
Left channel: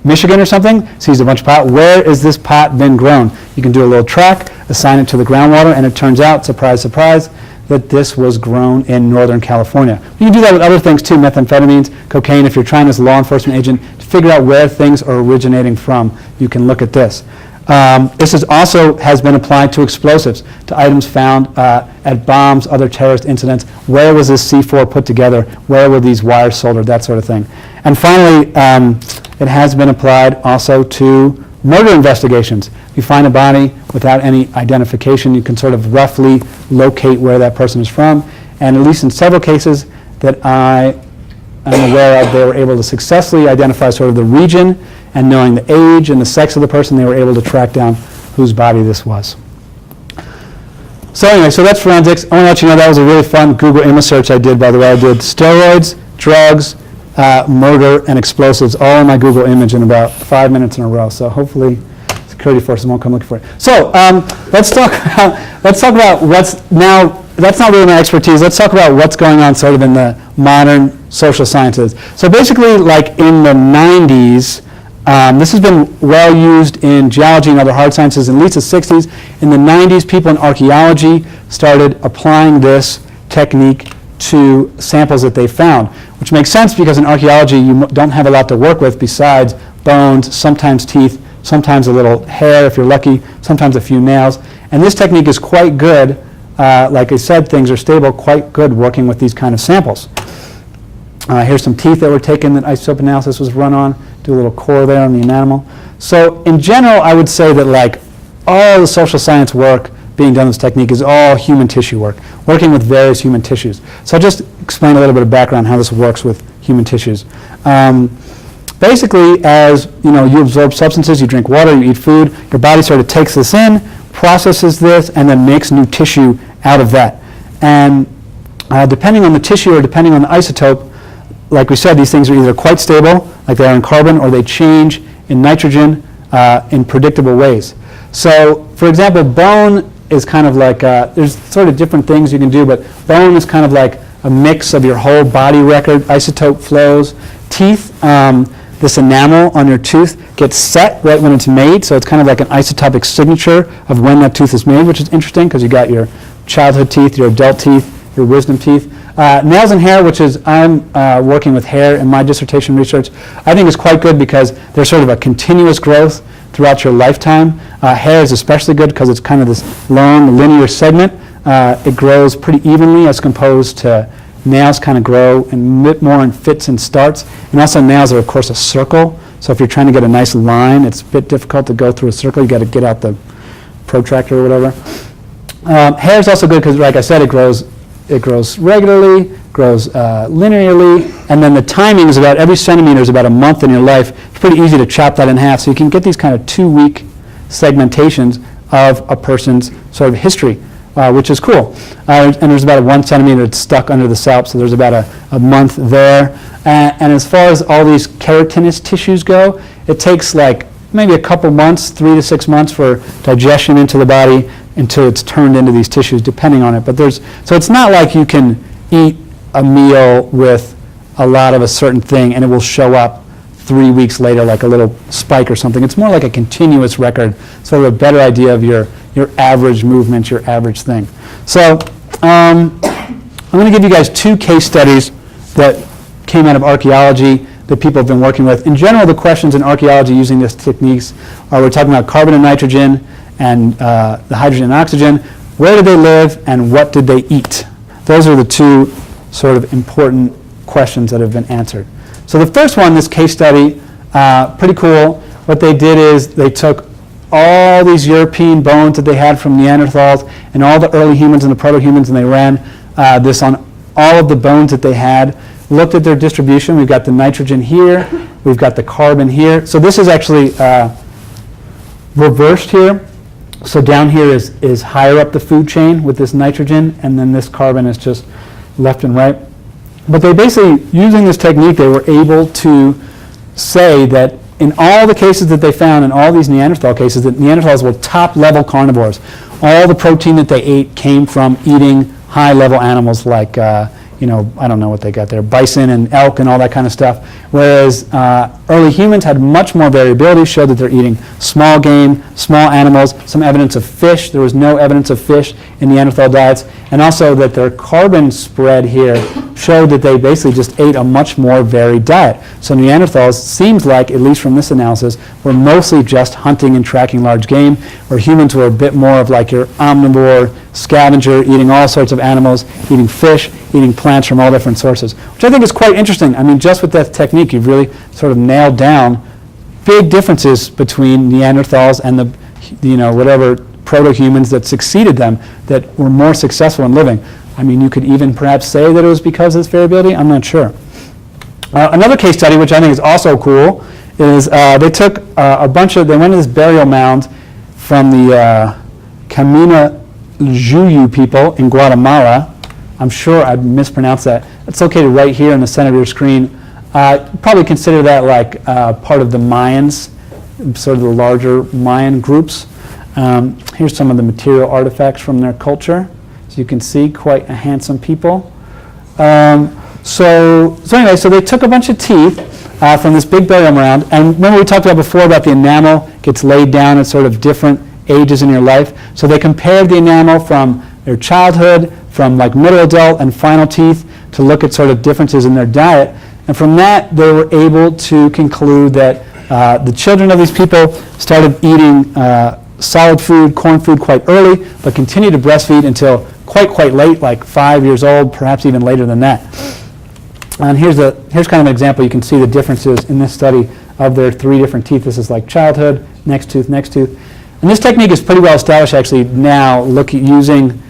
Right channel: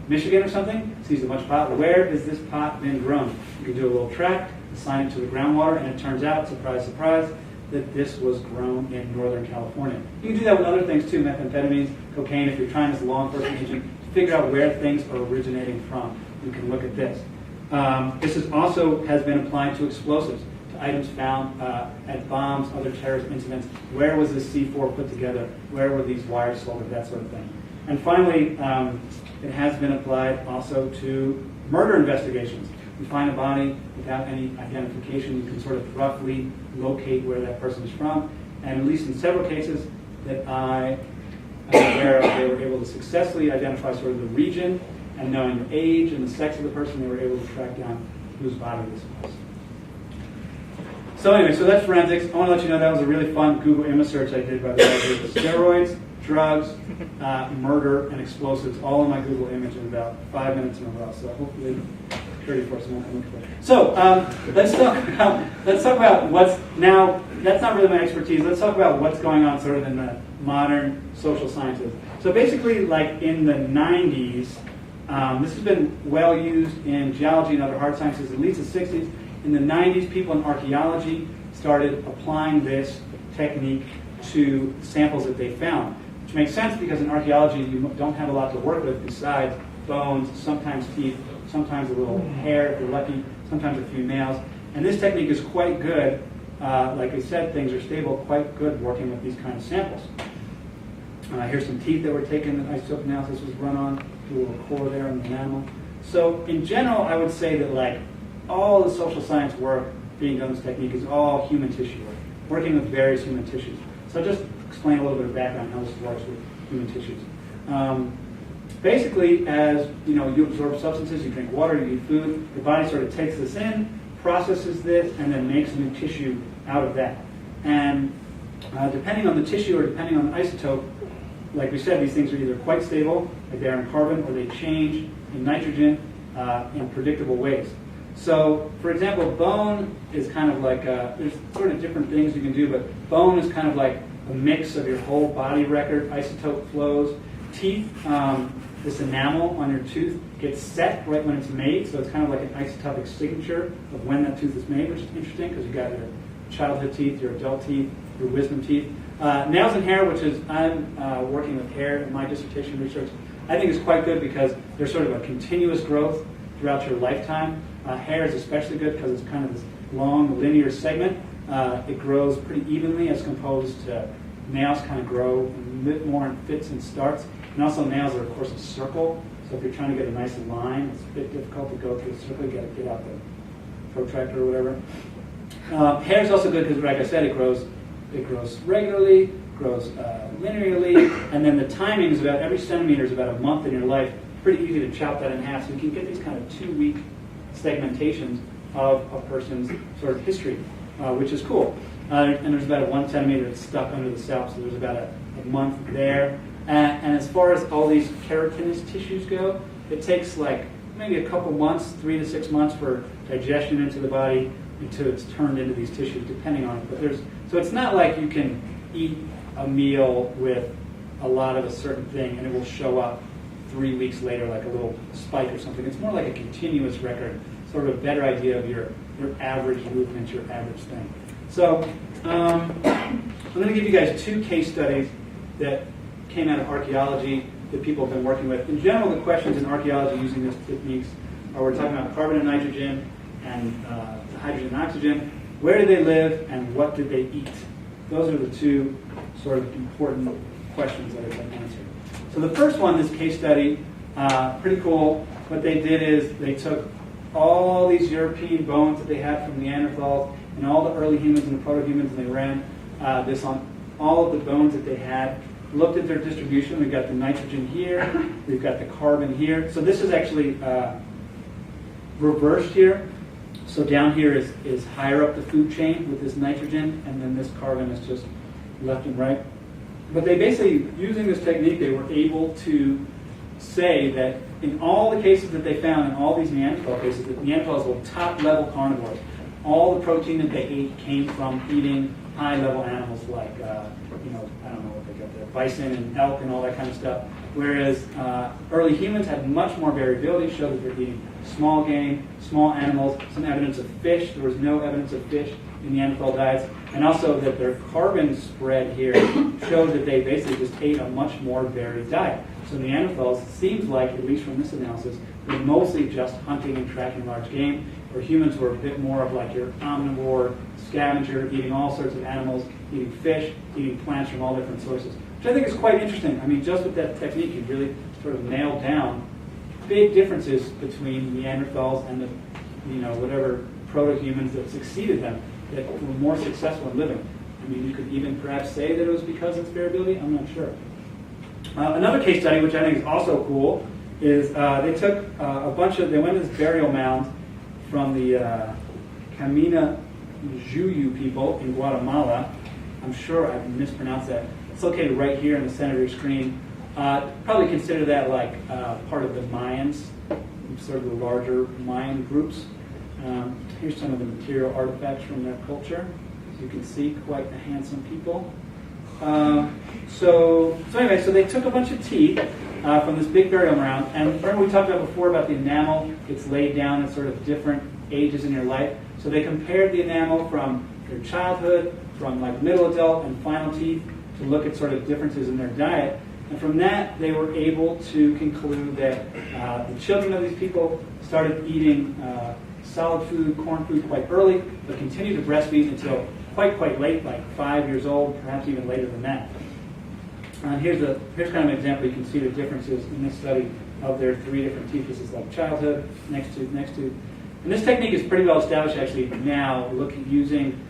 Michigan or something, seized a bunch of pot. Where is this pot been grown? You can do a little track, assign it to the groundwater, and it turns out, surprise, surprise, that this was grown in Northern California. You can do that with other things too, methamphetamines, cocaine. If you're trying as a law enforcement agent to figure out where things are originating from, you can look at this. This is also has been applied to explosives, to items found at bombs, other terrorist incidents. Where was this C4 put together? Where were these wires soldered? That sort of thing. And finally, it has been applied also to murder investigations. If you find a body without any identification, you can sort of roughly locate where that person is from. And at least in several cases that I am aware of, they were able to successfully identify sort of the region, and knowing the age and the sex of the person, they were able to track down whose body this was. So anyway, so that's forensics. I want to let you know that was a really fun Google image search I did, by the way. I did steroids, drugs, murder, and explosives all in my Google image in about 5 minutes in a row. So hopefully security forces won't come looking for it. So let's talk about what's now, that's not really my expertise. Let's talk about what's going on sort of in the modern social sciences. So basically, like in the 90s, this has been well used in geology and other hard sciences in at least the 60s. In the 90s, people in archaeology started applying this technique to samples that they found, which makes sense because in archaeology you don't have a lot to work with besides bones, sometimes teeth, sometimes a little hair if you're lucky, sometimes a few nails. And this technique is quite good. Like I said, things are stable, quite good working with these kind of samples. Here's some teeth that were taken that isotope analysis was run on. Do a little core there on the enamel. So in general, I would say that like all the social science work being done with this technique is all human tissue work, working with various human tissues. So I'll just explain a little bit of background how this works with human tissues. Basically, as you know, you absorb substances, you drink water, you eat food, your body sort of takes this in, processes this, and then makes new tissue out of that. And depending on the tissue or depending on the isotope, like we said, these things are either quite stable, like they are in carbon, or they change in nitrogen in predictable ways. So, for example, bone is kind of like, there's sort of different things you can do, but bone is kind of like a mix of your whole body record, isotope flows. Teeth, this enamel on your tooth gets set right when it's made, so it's kind of like an isotopic signature of when that tooth is made, which is interesting because you got your childhood teeth, your adult teeth, your wisdom teeth. Nails and hair, which is, I'm working with hair in my dissertation research, I think is quite good because there's sort of a continuous growth throughout your lifetime. Hair is especially good because it's kind of this long linear segment. It grows pretty evenly as opposed to nails kind of grow and more in fits and starts. And also nails are, of course, a circle. So if you're trying to get a nice line, it's a bit difficult to go through a circle. You got to get out the protractor or whatever. Hair is also good because, like I said, it grows regularly, grows linearly, and then the timing is about every centimeter is about a month in your life. It's pretty easy to chop that in half. So you can get these kind of 2-week segmentations of a person's sort of history, which is cool. And there's about a 1 centimeter that's stuck under the scalp, so there's about a month there. And as far as all these keratinous tissues go, it takes like maybe a couple months, 3 to 6 months for digestion into the body until it's turned into these tissues, depending on it. But so it's not like you can eat a meal with a lot of a certain thing and it will show up 3 weeks later like a little spike or something. It's more like a continuous record, sort of a better idea of your average movement, your average thing. So I'm going to give you guys 2 case studies that came out of archaeology that people have been working with. In general, the questions in archaeology using these techniques are, we're talking about carbon and nitrogen and the hydrogen and oxygen. Where did they live and what did they eat? Those are the 2 sort of important questions that have been answered. So the first one, this case study, pretty cool. What they did is they took all these European bones that they had from Neanderthals and all the early humans and the proto-humans, and they ran this on all of the bones that they had, looked at their distribution. We've got the nitrogen here, we've got the carbon here. So this is actually reversed here. So down here is higher up the food chain with this nitrogen, and then this carbon is just left and right. But they basically, using this technique, they were able to say that in all the cases that they found, in all these Neanderthal cases, that Neanderthals were top-level carnivores. All the protein that they ate came from eating high-level animals like, I don't know what they got there, bison and elk and all that kind of stuff. Whereas early humans had much more variability, showed that they're eating small game, small animals, some evidence of fish. There was no evidence of fish in Neanderthal diets. And also that their carbon spread here showed that they basically just ate a much more varied diet. So Neanderthals, seems like, at least from this analysis, were mostly just hunting and tracking large game, where humans were a bit more of like your omnivore scavenger, eating all sorts of animals, eating fish, eating plants from all different sources, which I think is quite interesting. I mean, just with that technique, you've really sort of nailed down big differences between Neanderthals and the, whatever proto-humans that succeeded them, that were more successful in living. I mean, you could even perhaps say that it was because of this variability. I'm not sure. Another case study, which I think is also cool, is they took they went to this burial mound from the Camina Juyu people in Guatemala. I'm sure I mispronounced that. It's located right here in the center of your screen. Probably consider that like part of the Mayans, sort of the larger Mayan groups. Here's some of the material artifacts from their culture. As you can see, quite a handsome people. So anyway, so they took a bunch of teeth from this big burial mound, and remember we talked about before about the enamel gets laid down at sort of different ages in your life. So they compared the enamel from their childhood, from like middle adult and final teeth, to look at sort of differences in their diet. And from that, they were able to conclude that the children of these people started eating solid food, corn food quite early, but continued to breastfeed until quite late, like 5 years old, perhaps even later than that. And here's kind of an example. You can see the differences in this study of their 3 different teeth. This is like childhood, next tooth, next tooth. And this technique is pretty well established actually now, using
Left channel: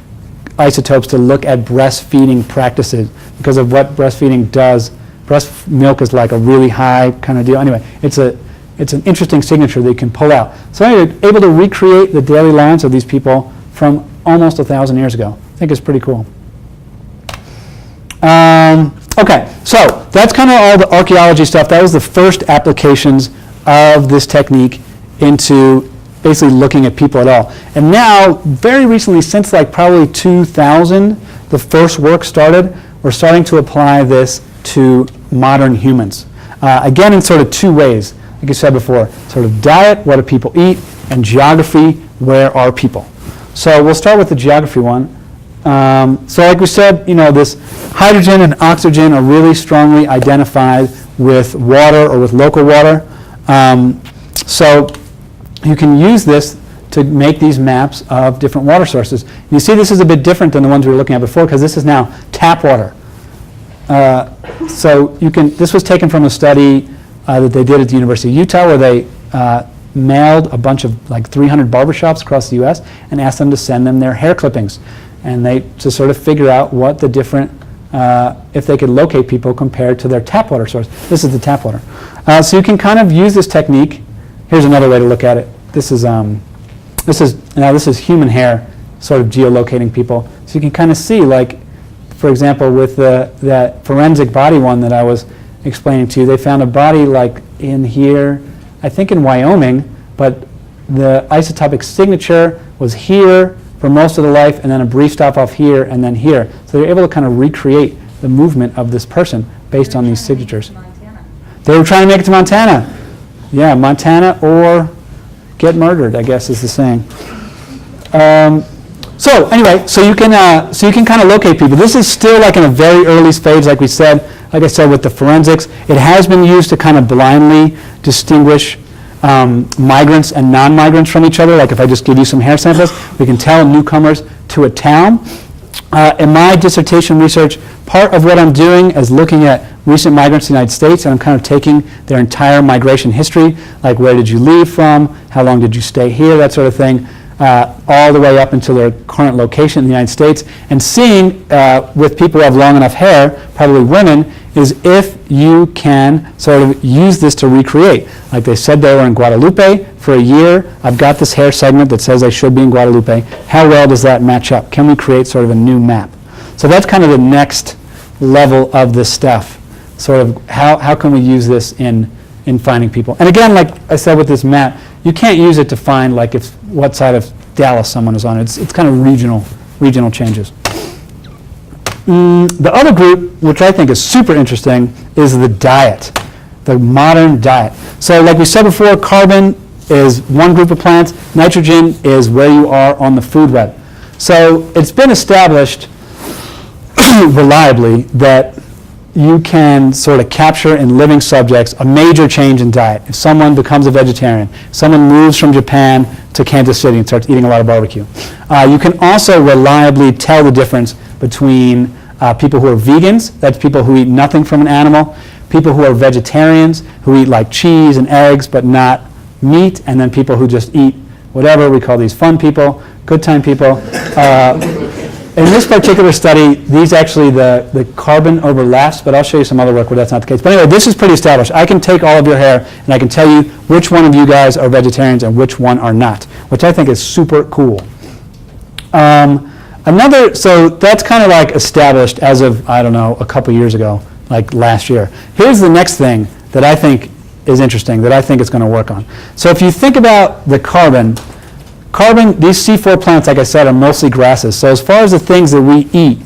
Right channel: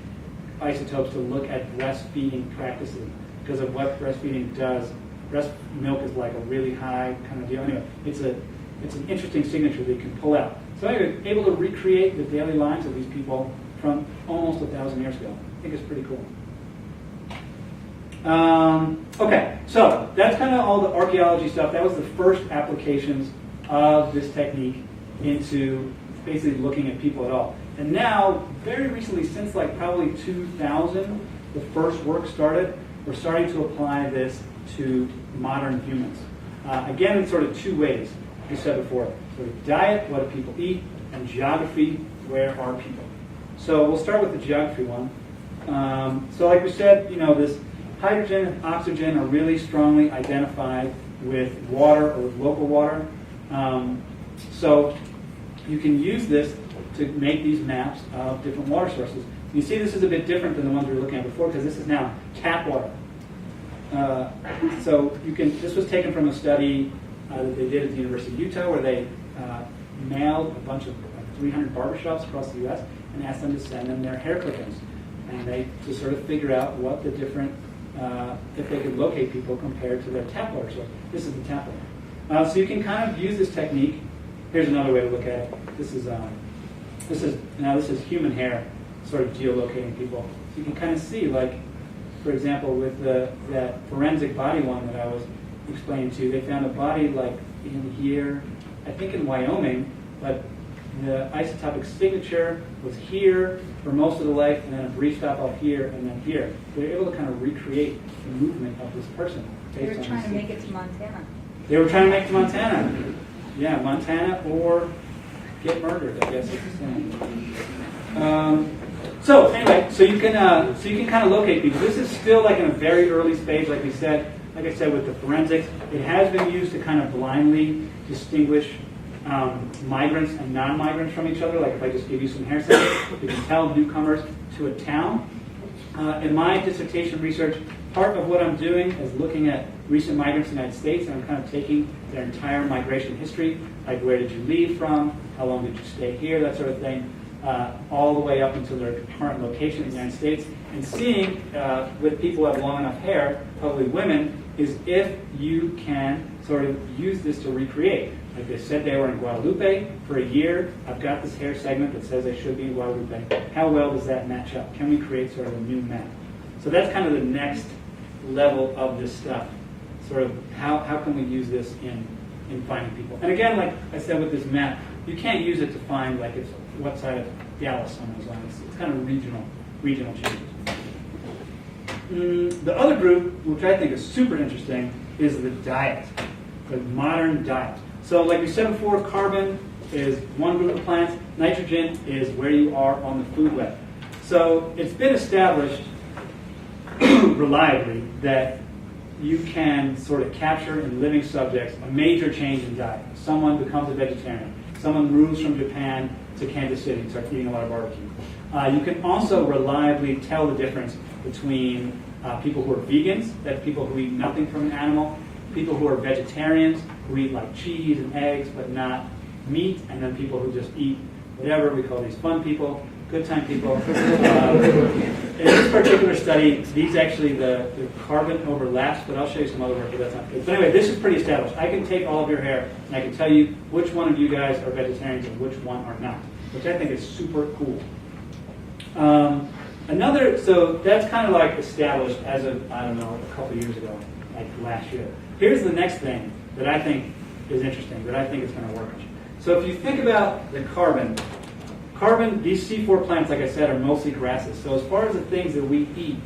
isotopes to look at breastfeeding practices because of what breastfeeding does. Breast milk is like a really high kind of deal. Anyway, it's an interesting signature they can pull out. So anyway, able to recreate the daily lives of these people from almost 1,000 years ago. I think it's pretty cool. Okay, so that's kind of all the archaeology stuff. That was the first applications of this technique into basically looking at people at all. And now, very recently, since like probably 2000, the first work started, we're starting to apply this to modern humans. Again, in sort of two ways, like I said before, sort of diet, what do people eat, and geography, where are people? So we'll start with the geography one. So like we said, this hydrogen and oxygen are really strongly identified with water or with local water. So you can use this to make these maps of different water sources. You see this is a bit different than the ones we were looking at before because this is now tap water. So this was taken from a study that they did at the University of Utah where they mailed a bunch of like 300 barbershops across the US and asked them to send them their hair clippings. And to sort of figure out what the different, if they could locate people compared to their tap water source. This is the tap water. So you can kind of use this technique. Here's another way to look at it. This is human hair, sort of geolocating people. So you can kind of see, like, for example, with that forensic body one that I was explaining to you, they found a body like in here, I think in Wyoming, but the isotopic signature was here for most of the life, and then a brief stop off here, and then here. So they're able to kind of recreate the movement of this person based on these signatures. They were trying to make it to Montana. Yeah, Montana or get murdered, I guess is the saying. So anyway, so you can kind of locate people. This is still like in a very early stage, like I said with the forensics. It has been used to kind of blindly distinguish migrants and non-migrants from each other. Like if I just give you some hair samples, we can tell newcomers to a town. In my dissertation research, part of what I'm doing is looking at recent migrants to the United States, and I'm kind of taking their entire migration history, like where did you leave from, how long did you stay here, that sort of thing, all the way up until their current location in the United States, and seeing with people who have long enough hair, probably women, is if you can sort of use this to recreate. Like they said they were in Guadalupe for a year. I've got this hair segment that says I should be in Guadalupe. How well does that match up? Can we create sort of a new map? So that's kind of the next level of this stuff. Sort of how can we use this in finding people? And again, like I said with this map, you can't use it to find like what side of Dallas someone is on. It's kind of regional changes. The other group, which I think is super interesting, is the diet, the modern diet. So like we said before, carbon is one group of plants. Nitrogen is where you are on the food web. So it's been established reliably that you can sort of capture in living subjects a major change in diet. If someone becomes a vegetarian, someone moves from Japan to Kansas City and starts eating a lot of barbecue. You can also reliably tell the difference between people who are vegans, that's people who eat nothing from an animal, people who are vegetarians, who eat like cheese and eggs but not meat, and then people who just eat whatever. We call these fun people, good time people. In this particular study, these actually, the carbon overlaps, but I'll show you some other work where that's not the case. But anyway, this is pretty established. I can take all of your hair and I can tell you which one of you guys are vegetarians and which one are not, which I think is super cool. So that's kind of like established as of, I don't know, a couple years ago, like last year. Here's the next thing that I think is interesting, that I think it's going to work on. So if you think about the carbon, these C4 plants, like I said, are mostly grasses. So as far as the things that we eat,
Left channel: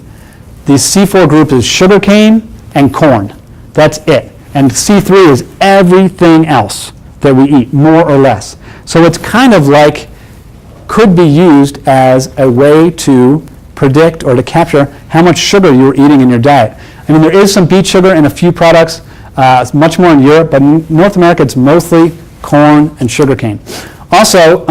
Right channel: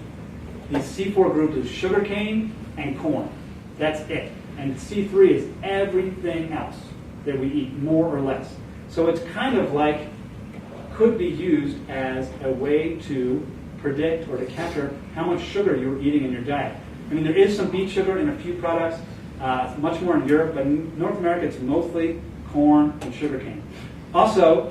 the C4 group is sugarcane and corn. That's it. And C3 is everything else that we eat, more or less. So it's kind of like, could be used as a way to predict or to capture how much sugar you're eating in your diet. I mean, there is some beet sugar in a few products. It's much more in Europe, but in North America, it's mostly corn and sugarcane. Also,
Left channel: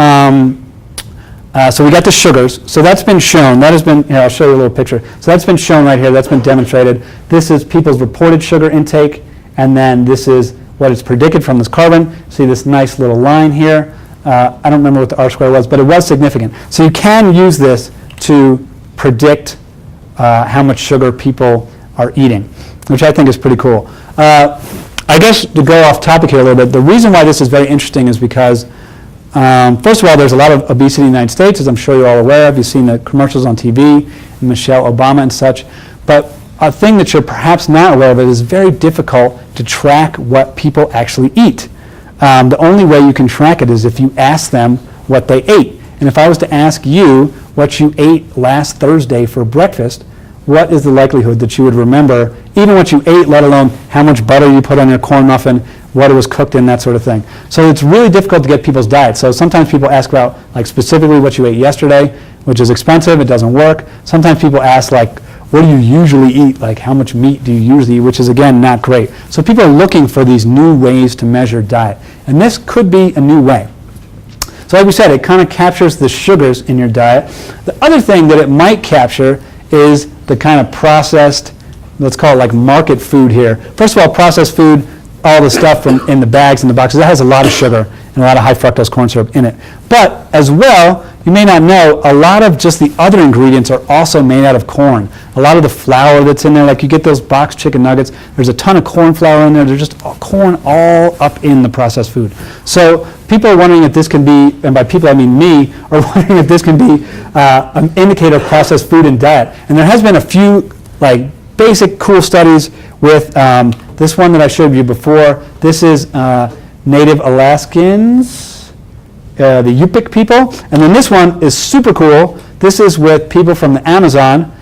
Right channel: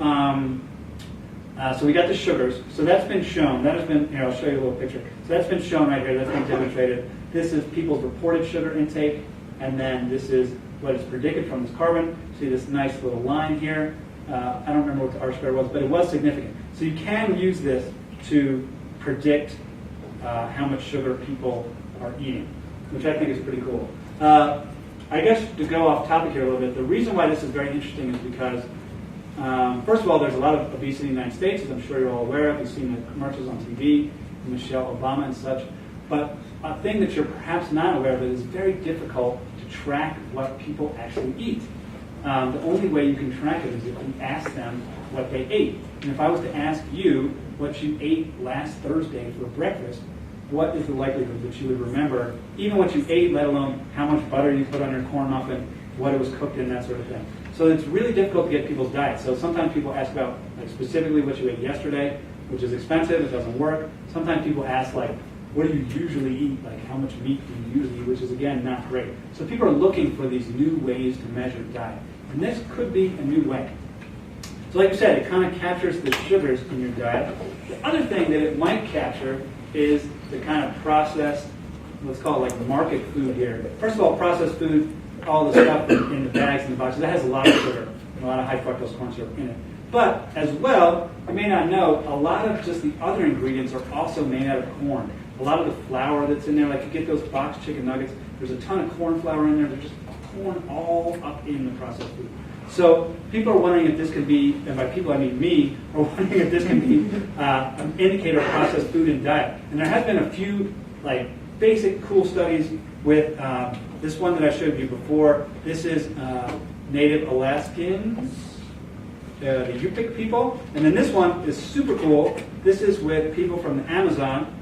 so we got the sugars. So that's been shown. That has been, here, I'll show you a little picture. So that's been shown right here. That's been demonstrated. This is people's reported sugar intake, and then this is what is predicted from this carbon. See this nice little line here. I don't remember what the R square was, but it was significant. So you can use this to predict how much sugar people are eating, which I think is pretty cool. I guess to go off topic here a little bit, the reason why this is very interesting is because first of all, there's a lot of obesity in the United States, as I'm sure you're all aware of. You've seen the commercials on TV, Michelle Obama and such. But a thing that you're perhaps not aware of, it is very difficult to track what people actually eat. The only way you can track it is if you ask them what they ate. And if I was to ask you what you ate last Thursday for breakfast, what is the likelihood that you would remember even what you ate, let alone how much butter you put on your corn muffin, what it was cooked in, that sort of thing. So it's really difficult to get people's diets. So sometimes people ask about like specifically what you ate yesterday, which is expensive, it doesn't work. Sometimes people ask like, what do you usually eat? Like how much meat do you usually eat, which is again not great. So people are looking for these new ways to measure diet. And this could be a new way. So like we said, it kind of captures the sugars in your diet. The other thing that it might capture is the kind of processed, let's call it like market food here. First of all, processed food, all the stuff from in the bags and the boxes, that has a lot of sugar and a lot of high fructose corn syrup in it. But as well, you may not know, a lot of just the other ingredients are also made out of corn. A lot of the flour that's in there, like you get those boxed chicken nuggets, there's a ton of corn flour in there. There's just corn all up in the processed food. So people are wondering if this can be, and by people I mean me, are wondering if this can be an indicator of processed food and diet. And there has been a few like basic cool studies with this one that I showed you before. This is Native Alaskans, the Yupik people. And then this one is super cool. This is with people from the Amazon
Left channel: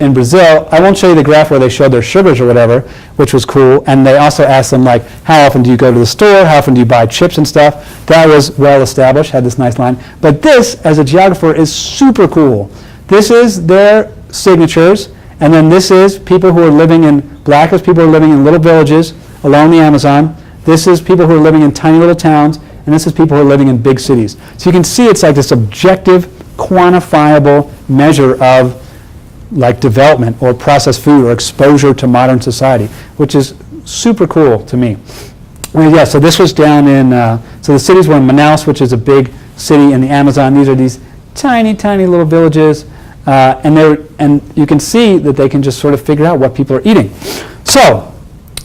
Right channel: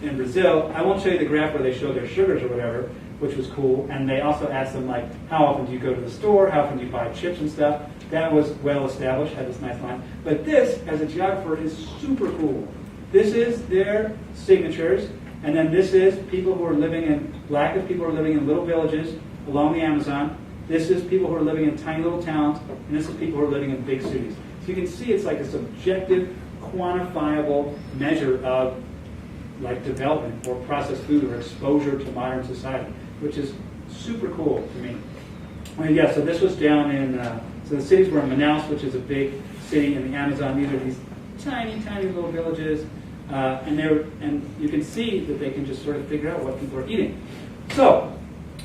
in Brazil. I won't show you the graph where they showed their sugars or whatever, which was cool. And they also asked them, like, how often do you go to the store? How often do you buy chips and stuff? That was well established, had this nice line. But this, as a geographer, is super cool. This is their signatures. And then this is people who are living in, black is people who are living in little villages along the Amazon. This is people who are living in tiny little towns. And this is people who are living in big cities. So you can see it's like this objective, quantifiable measure of like development or processed food or exposure to modern society, which is super cool to me. Well, yeah, so this was down in, so the cities were in Manaus, which is a big city in the Amazon. These are these tiny, tiny little villages. And you can see that they can just sort of figure out what people are eating. So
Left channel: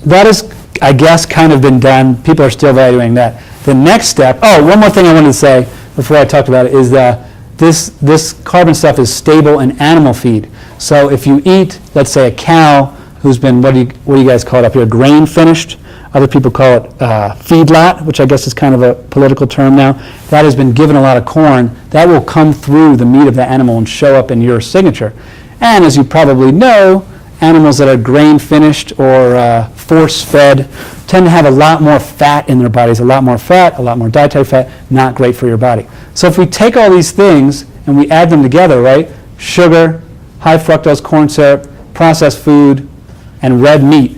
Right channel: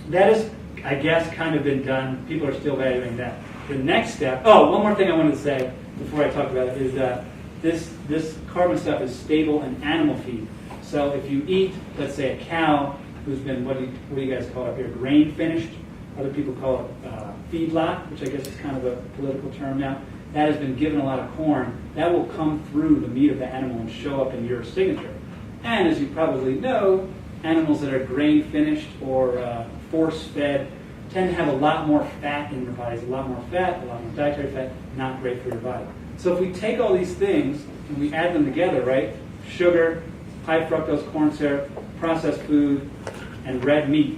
that is, I guess, kind of been done. People are still evaluating that. The next step, one more thing I wanted to say before I talked about it is that this carbon stuff is stable in animal feed. So if you eat, let's say, a cow who's been, what do you guys call it up here, grain finished? Other people call it feedlot, which I guess is kind of a political term now. That has been given a lot of corn. That will come through the meat of the animal and show up in your signature. And as you probably know, animals that are grain finished or force fed tend to have a lot more fat in their bodies, a lot more fat, a lot more dietary fat, not great for your body. So if we take all these things and we add them together, right, sugar, high fructose corn syrup, processed food, and red meat,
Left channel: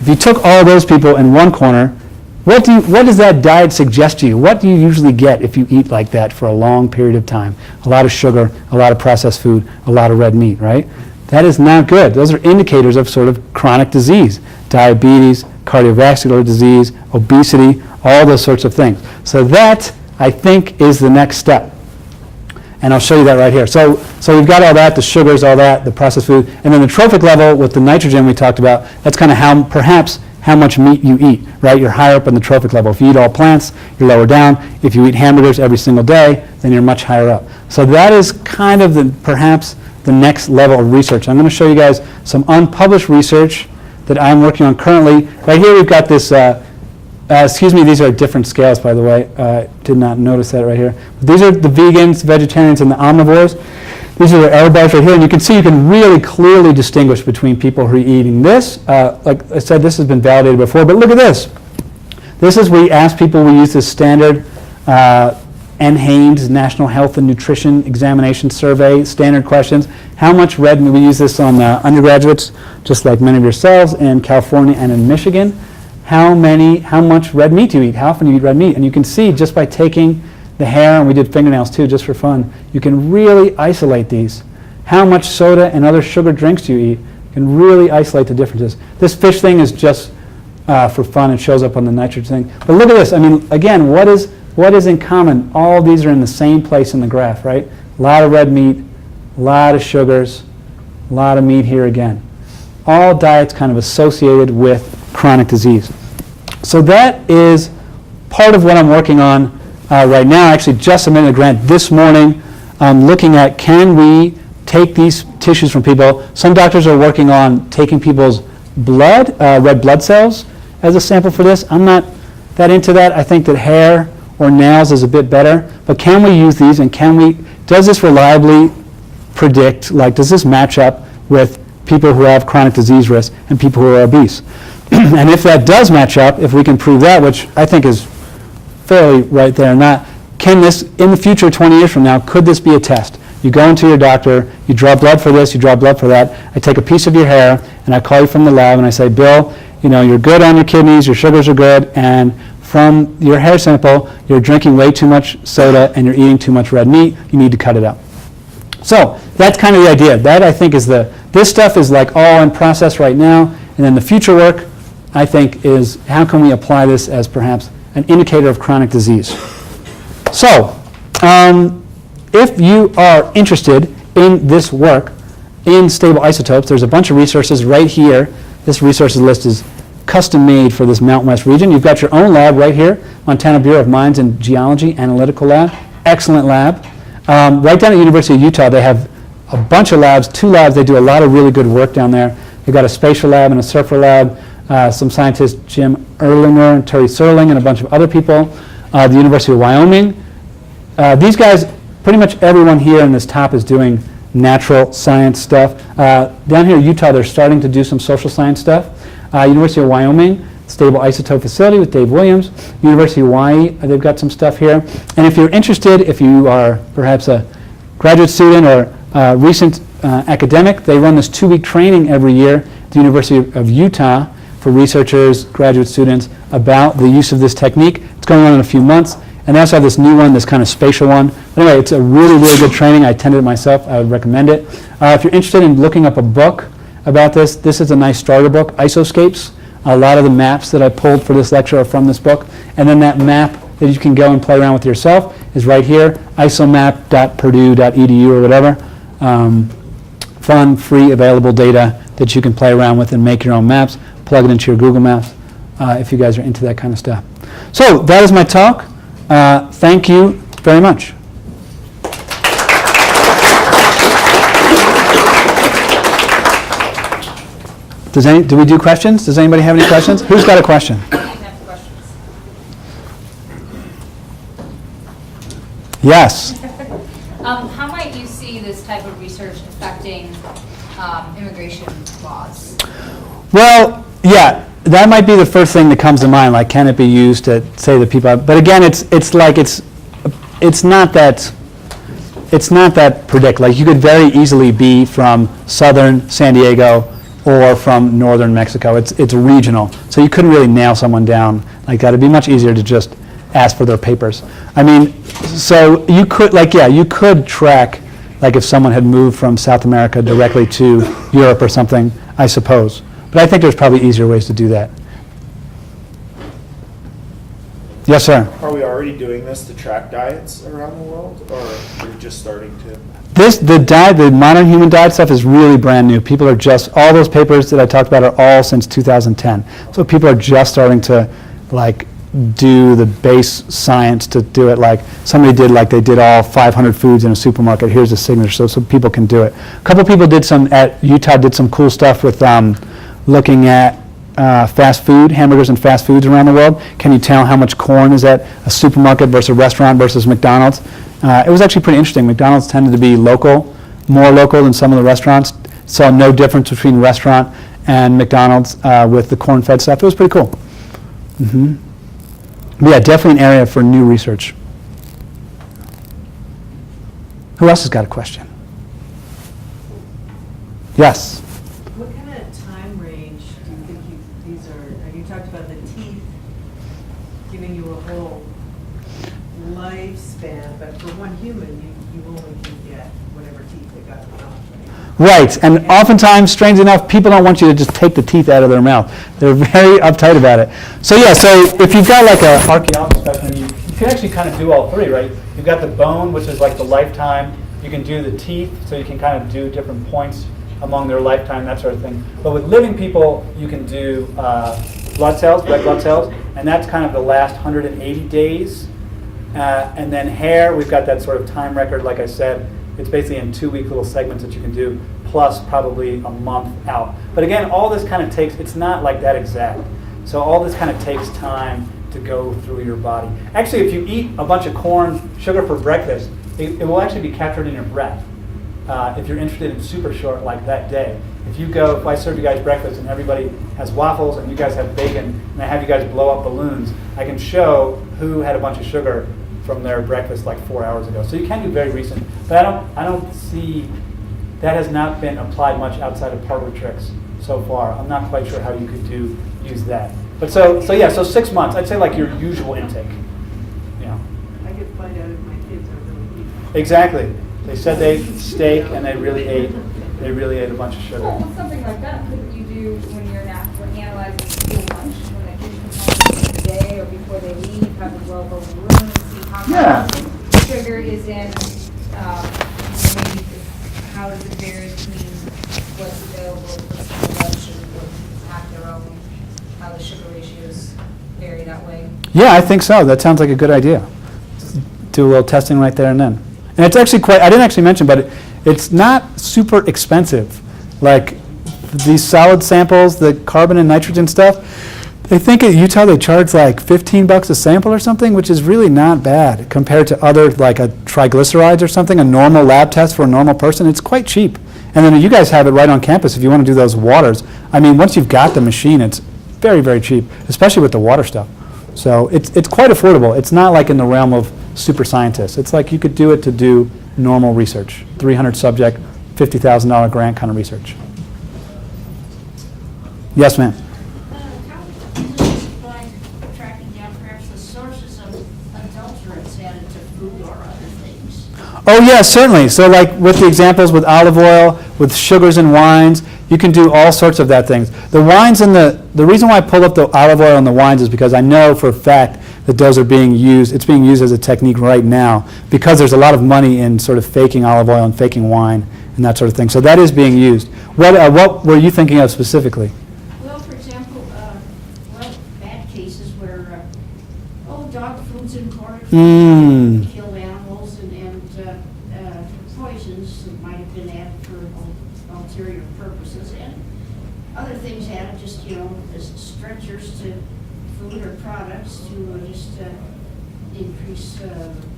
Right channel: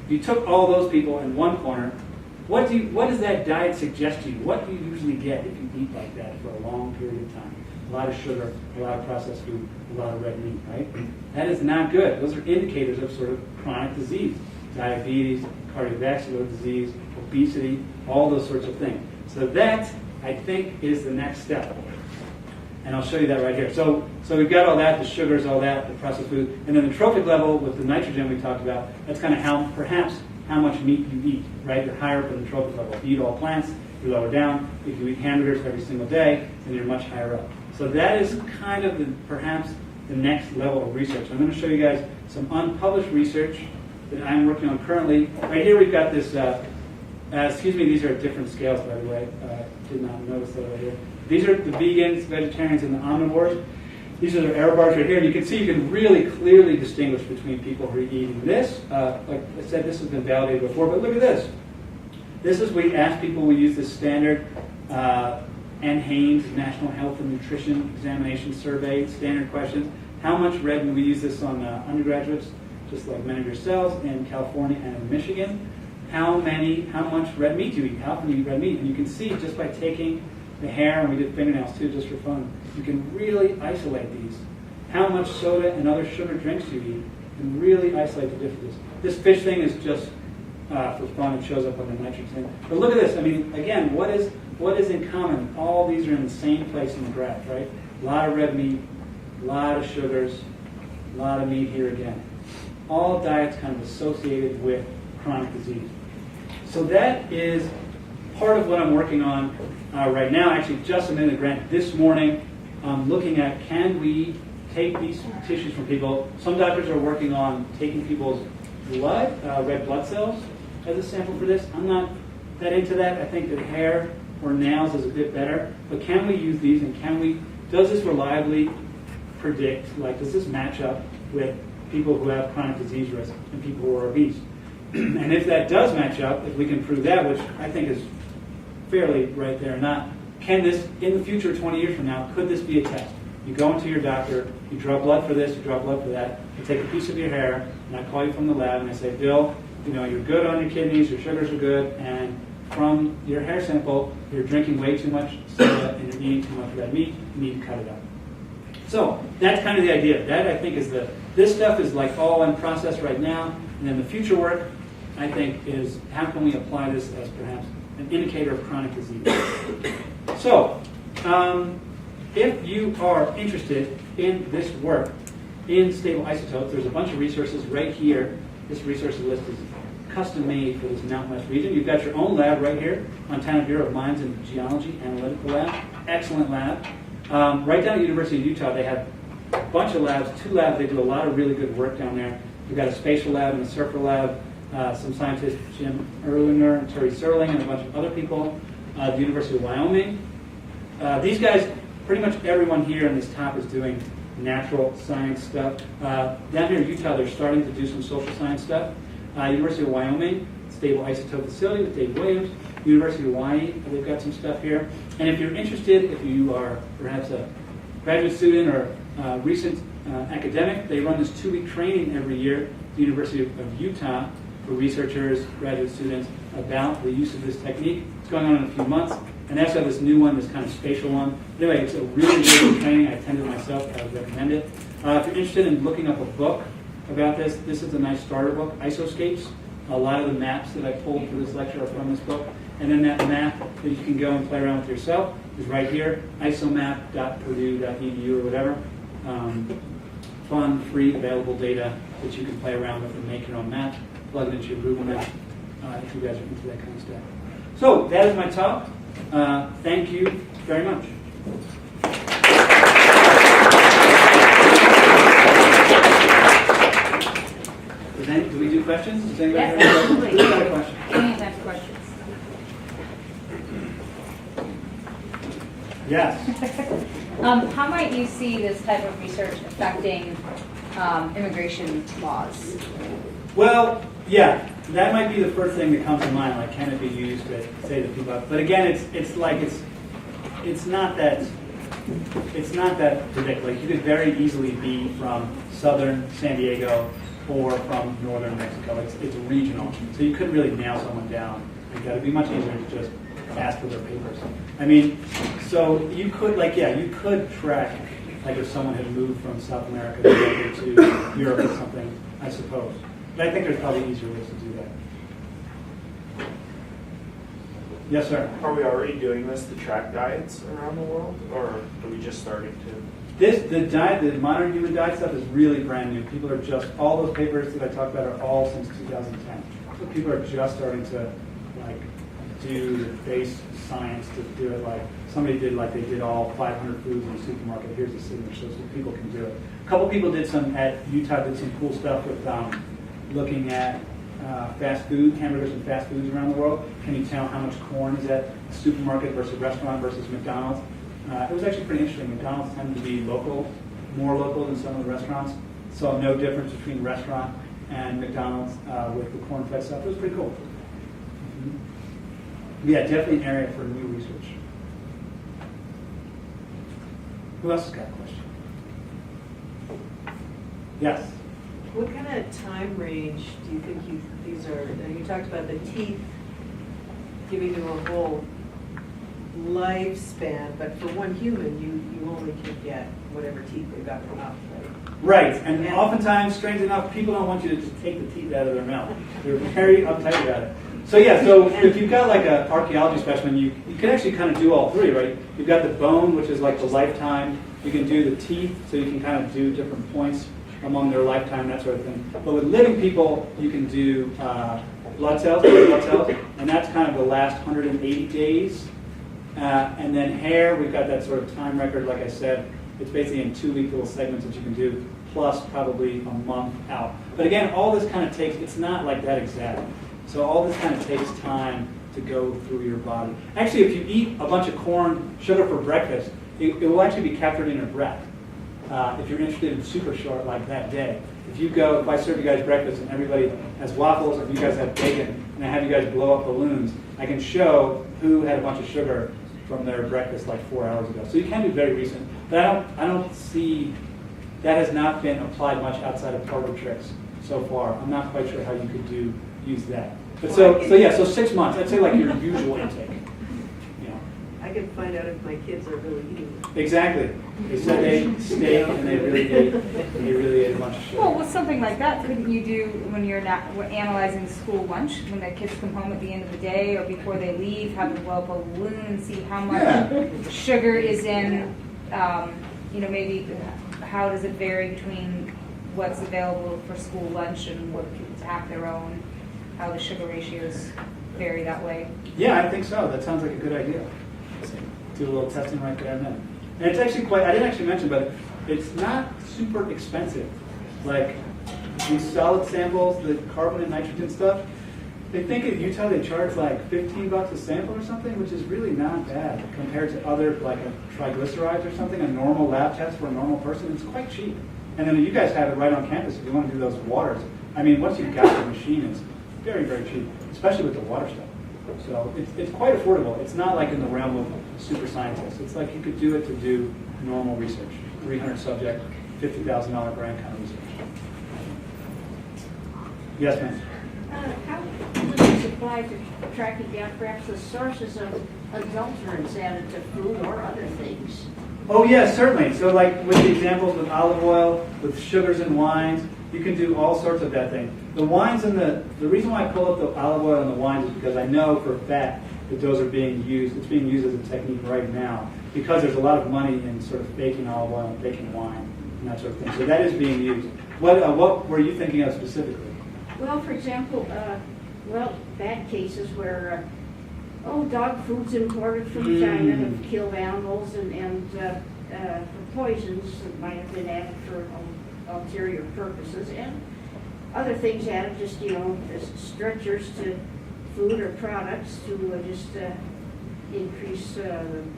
if you took all those people in one corner, what does that diet suggest to you? What do you usually get if you eat like that for a long period of time? A lot of sugar, a lot of processed food, a lot of red meat, right? That is not good. Those are indicators of sort of chronic disease, diabetes, cardiovascular disease, obesity, all those sorts of things. So that, I think, is the next step. And I'll show you that right here. So we've got all that, the sugars, all that, the processed food. And then the trophic level with the nitrogen we talked about, that's kind of perhaps how much meat you eat, right? You're higher up in the trophic level. If you eat all plants, you're lower down. If you eat hamburgers every single day, then you're much higher up. So that is kind of perhaps the next level of research. I'm going to show you guys some unpublished research that I'm working on currently. Right here we've got this, excuse me, these are different scales, by the way. Did not notice that right here. These are the vegans, vegetarians, and the omnivores. These are the error bars right here, and you can see you can really clearly distinguish between people who are eating this. Like I said, this has been validated before, but look at this. This is, we ask people, we use this standard NHANES, National Health and Nutrition Examination Survey, standard questions. How much red meat, we use this on undergraduates, just like many of yourselves in California and in Michigan. How much red meat do you eat? How often do you eat red meat? And you can see just by taking the hair, and we did fingernails too, just for fun, you can really isolate these. How much soda and other sugar drinks do you eat? You can really isolate the differences. This fish thing is just for fun. It shows up on the nitrogen thing. But look at this. I mean, again, what is in common? All these are in the same place in the graph, right? A lot of red meat, a lot of sugars, a lot of meat here again. All diets kind of associated with chronic disease. So that is part of what I'm working on right now. I actually just submitted a grant this morning looking at, can we take these tissues from people? Some doctors are working on taking people's blood, red blood cells, as a sample for this. I'm not that into that. I think that hair or nails is a bit better, but can we use these, and does this reliably predict, like, does this match up with people who have chronic disease risk and people who are obese? And if that does match up, if we can prove that, which I think is fairly right there and that, can this, in the future, 20 years from now, could this be a test? You go into your doctor, you draw blood for this, you draw blood for that, I take a piece of your hair, and I call you from the lab, and I say, Bill, you're good on your kidneys, your sugars are good, and from your hair sample, you're drinking way too much soda and you're eating too much red meat, you need to cut it out. So that's kind of the idea. That, I think, is this stuff is like all in process right now, and then the future work, I think, is how can we apply this as perhaps an indicator of chronic disease. So if you are interested in this work in stable isotopes, there's a bunch of resources right here. This resources list is custom made for this Mountain West region. You've got your own lab right here, Montana Bureau of Mines and Geology Analytical Lab. Excellent lab. Right down at University of Utah, they have a bunch of labs, 2 labs. They do a lot of really good work down there. They've got a spatial lab and a surfer lab. Some scientists, Jim Erlinger and Terry Serling, and a bunch of other people. The University of Wyoming. These guys, pretty much everyone here in this top is doing natural science stuff. Down here in Utah, they're starting to do some social science stuff. University of Wyoming, stable isotope facility with Dave Williams. University of Hawaii, they've got some stuff here. And if you're interested, if you are perhaps a graduate student or recent academic, they run this 2-week training every year at the University of Utah for researchers, graduate students, about the use of this technique. It's going on in a few months. And they also have this new one, this kind of spatial one. Anyway, it's a really, really good training. I attended it myself. I would recommend it. If you're interested in looking up a book about this, this is a nice starter book, Isoscapes. A lot of the maps that I pulled for this lecture are from this book. And then that map that you can go and play around with yourself is right here, isomap.purdue.edu or whatever. Fun, free, available data that you can play around with and make your own maps. Plug it into your Google Maps if you guys are into that kind of stuff. So that is my talk. Thank you very much. Do we do questions? Does anybody have any questions? Who's got a question? Yes. How might you see this type of research affecting immigration laws? Well, yeah, that might be the first thing that comes to mind. Like, can it be used to say that people? But again, it's not that predict. Like, you could very easily be from southern San Diego or from northern Mexico. It's regional, so you couldn't really nail someone down like that. It'd be much easier to just ask for their papers. I mean, so you could, like, yeah, you could track, like, if someone had moved from South America directly to Europe or something, I suppose. But I think there's probably easier ways to do that. Yes, sir? Are we already doing this to track diets around the world, or are we just starting to? The modern human diet stuff is really brand new. People are just, all those papers that I talked about are all since 2010. So people are just starting to, like, do the base science to do it. Like, somebody did, like, they did all 500 foods in a supermarket. Here's a signature, so people can do it. A couple people did at Utah did some cool stuff with looking at fast food, hamburgers and fast foods around the world. Can you tell how much corn is at a supermarket versus a restaurant versus McDonald's? It was actually pretty interesting. McDonald's tended to be local, more local than some of the restaurants. Saw no difference between restaurant and McDonald's with the corn-fed stuff. It was pretty cool. Mm-hmm. Yeah, definitely an area for new research. Who else has got a question? Yes? What kind of time range do you think these are? Now, you talked about the teeth giving you a whole lifespan, but for one human, you only can get whatever teeth they've got in their mouth, right? Right, and oftentimes, strange enough, people don't want you to just take the teeth out of their mouth. They're very uptight about it. So yeah, so if you've got like an archaeology specimen, you can actually kind of do all three, right? You've got the bone, which is like the lifetime. You can do the teeth, so you can kind of do different points among their lifetime, that sort of thing. But with living people, you can do blood cells, red blood cells, and that's kind of the last 180 days. And then hair, we've got that sort of time record, like I said. It's basically in 2-week little segments that you can do, plus probably a month out. But again, all this kind of takes, it's not like that exact. So all this kind of takes time to go through your body. Actually, if you eat a bunch of corn, sugar for breakfast, it will actually be captured in your breath. If you're interested in super short like that day. If I serve you guys breakfast and everybody has waffles and you guys have bacon and I have you guys blow up balloons, I can show who had a bunch of sugar from their breakfast like 4 hours ago. So you can do very recent. But I don't see, that has not been applied much outside of parlor tricks so far. I'm not quite sure how you could use that. But so 6 months, I'd say like your usual intake. I can find out if my kids are really eating. Exactly. They said they ate steak and they really ate a bunch of sugar. Well, with something like that, couldn't you do when you're when analyzing school lunch, when that kids come home at the end of the day or before they leave, have them blow up a balloon and see how much sugar is in, maybe how does it vary between what's available for school lunch and what's have their own, how the sugar ratios vary that way? Yeah, I think so. That sounds like a good idea. Do a little testing right there and then. And it's actually I didn't actually mention, but it's not super expensive. Like these solid samples, the carbon and nitrogen stuff, I think at Utah they charge like $15 a sample or something, which is really not bad compared to other, like a triglycerides or something, a normal lab test for a normal person. It's quite cheap. And then you guys have it right on campus if you want to do those waters. I mean, once you've got the machine, it's very, very cheap, especially with the water stuff. So it's quite affordable. It's not like in the realm of super scientists. It's like you could do it to do normal research, 300 subject, $50,000 grant kind of research. Yes, ma'am. How does this apply to tracking down perhaps the sources of adulterants added to food or other things? Oh, yeah, certainly. So like with the examples with olive oil, with sugars and wines, you can do all sorts of that things. The wines and the reason why I pulled up the olive oil and the wines is because I know for a fact that those are being used. It's being used as a technique right now because there's a lot of money in sort of faking olive oil and faking wine and that sort of thing. So that is being used. What were you thinking of specifically? Well, for example, bad cases where dog food's imported from killed animals and poisons that might have been added for ulterior purposes, and other things added just, as stretchers to food or products to just increase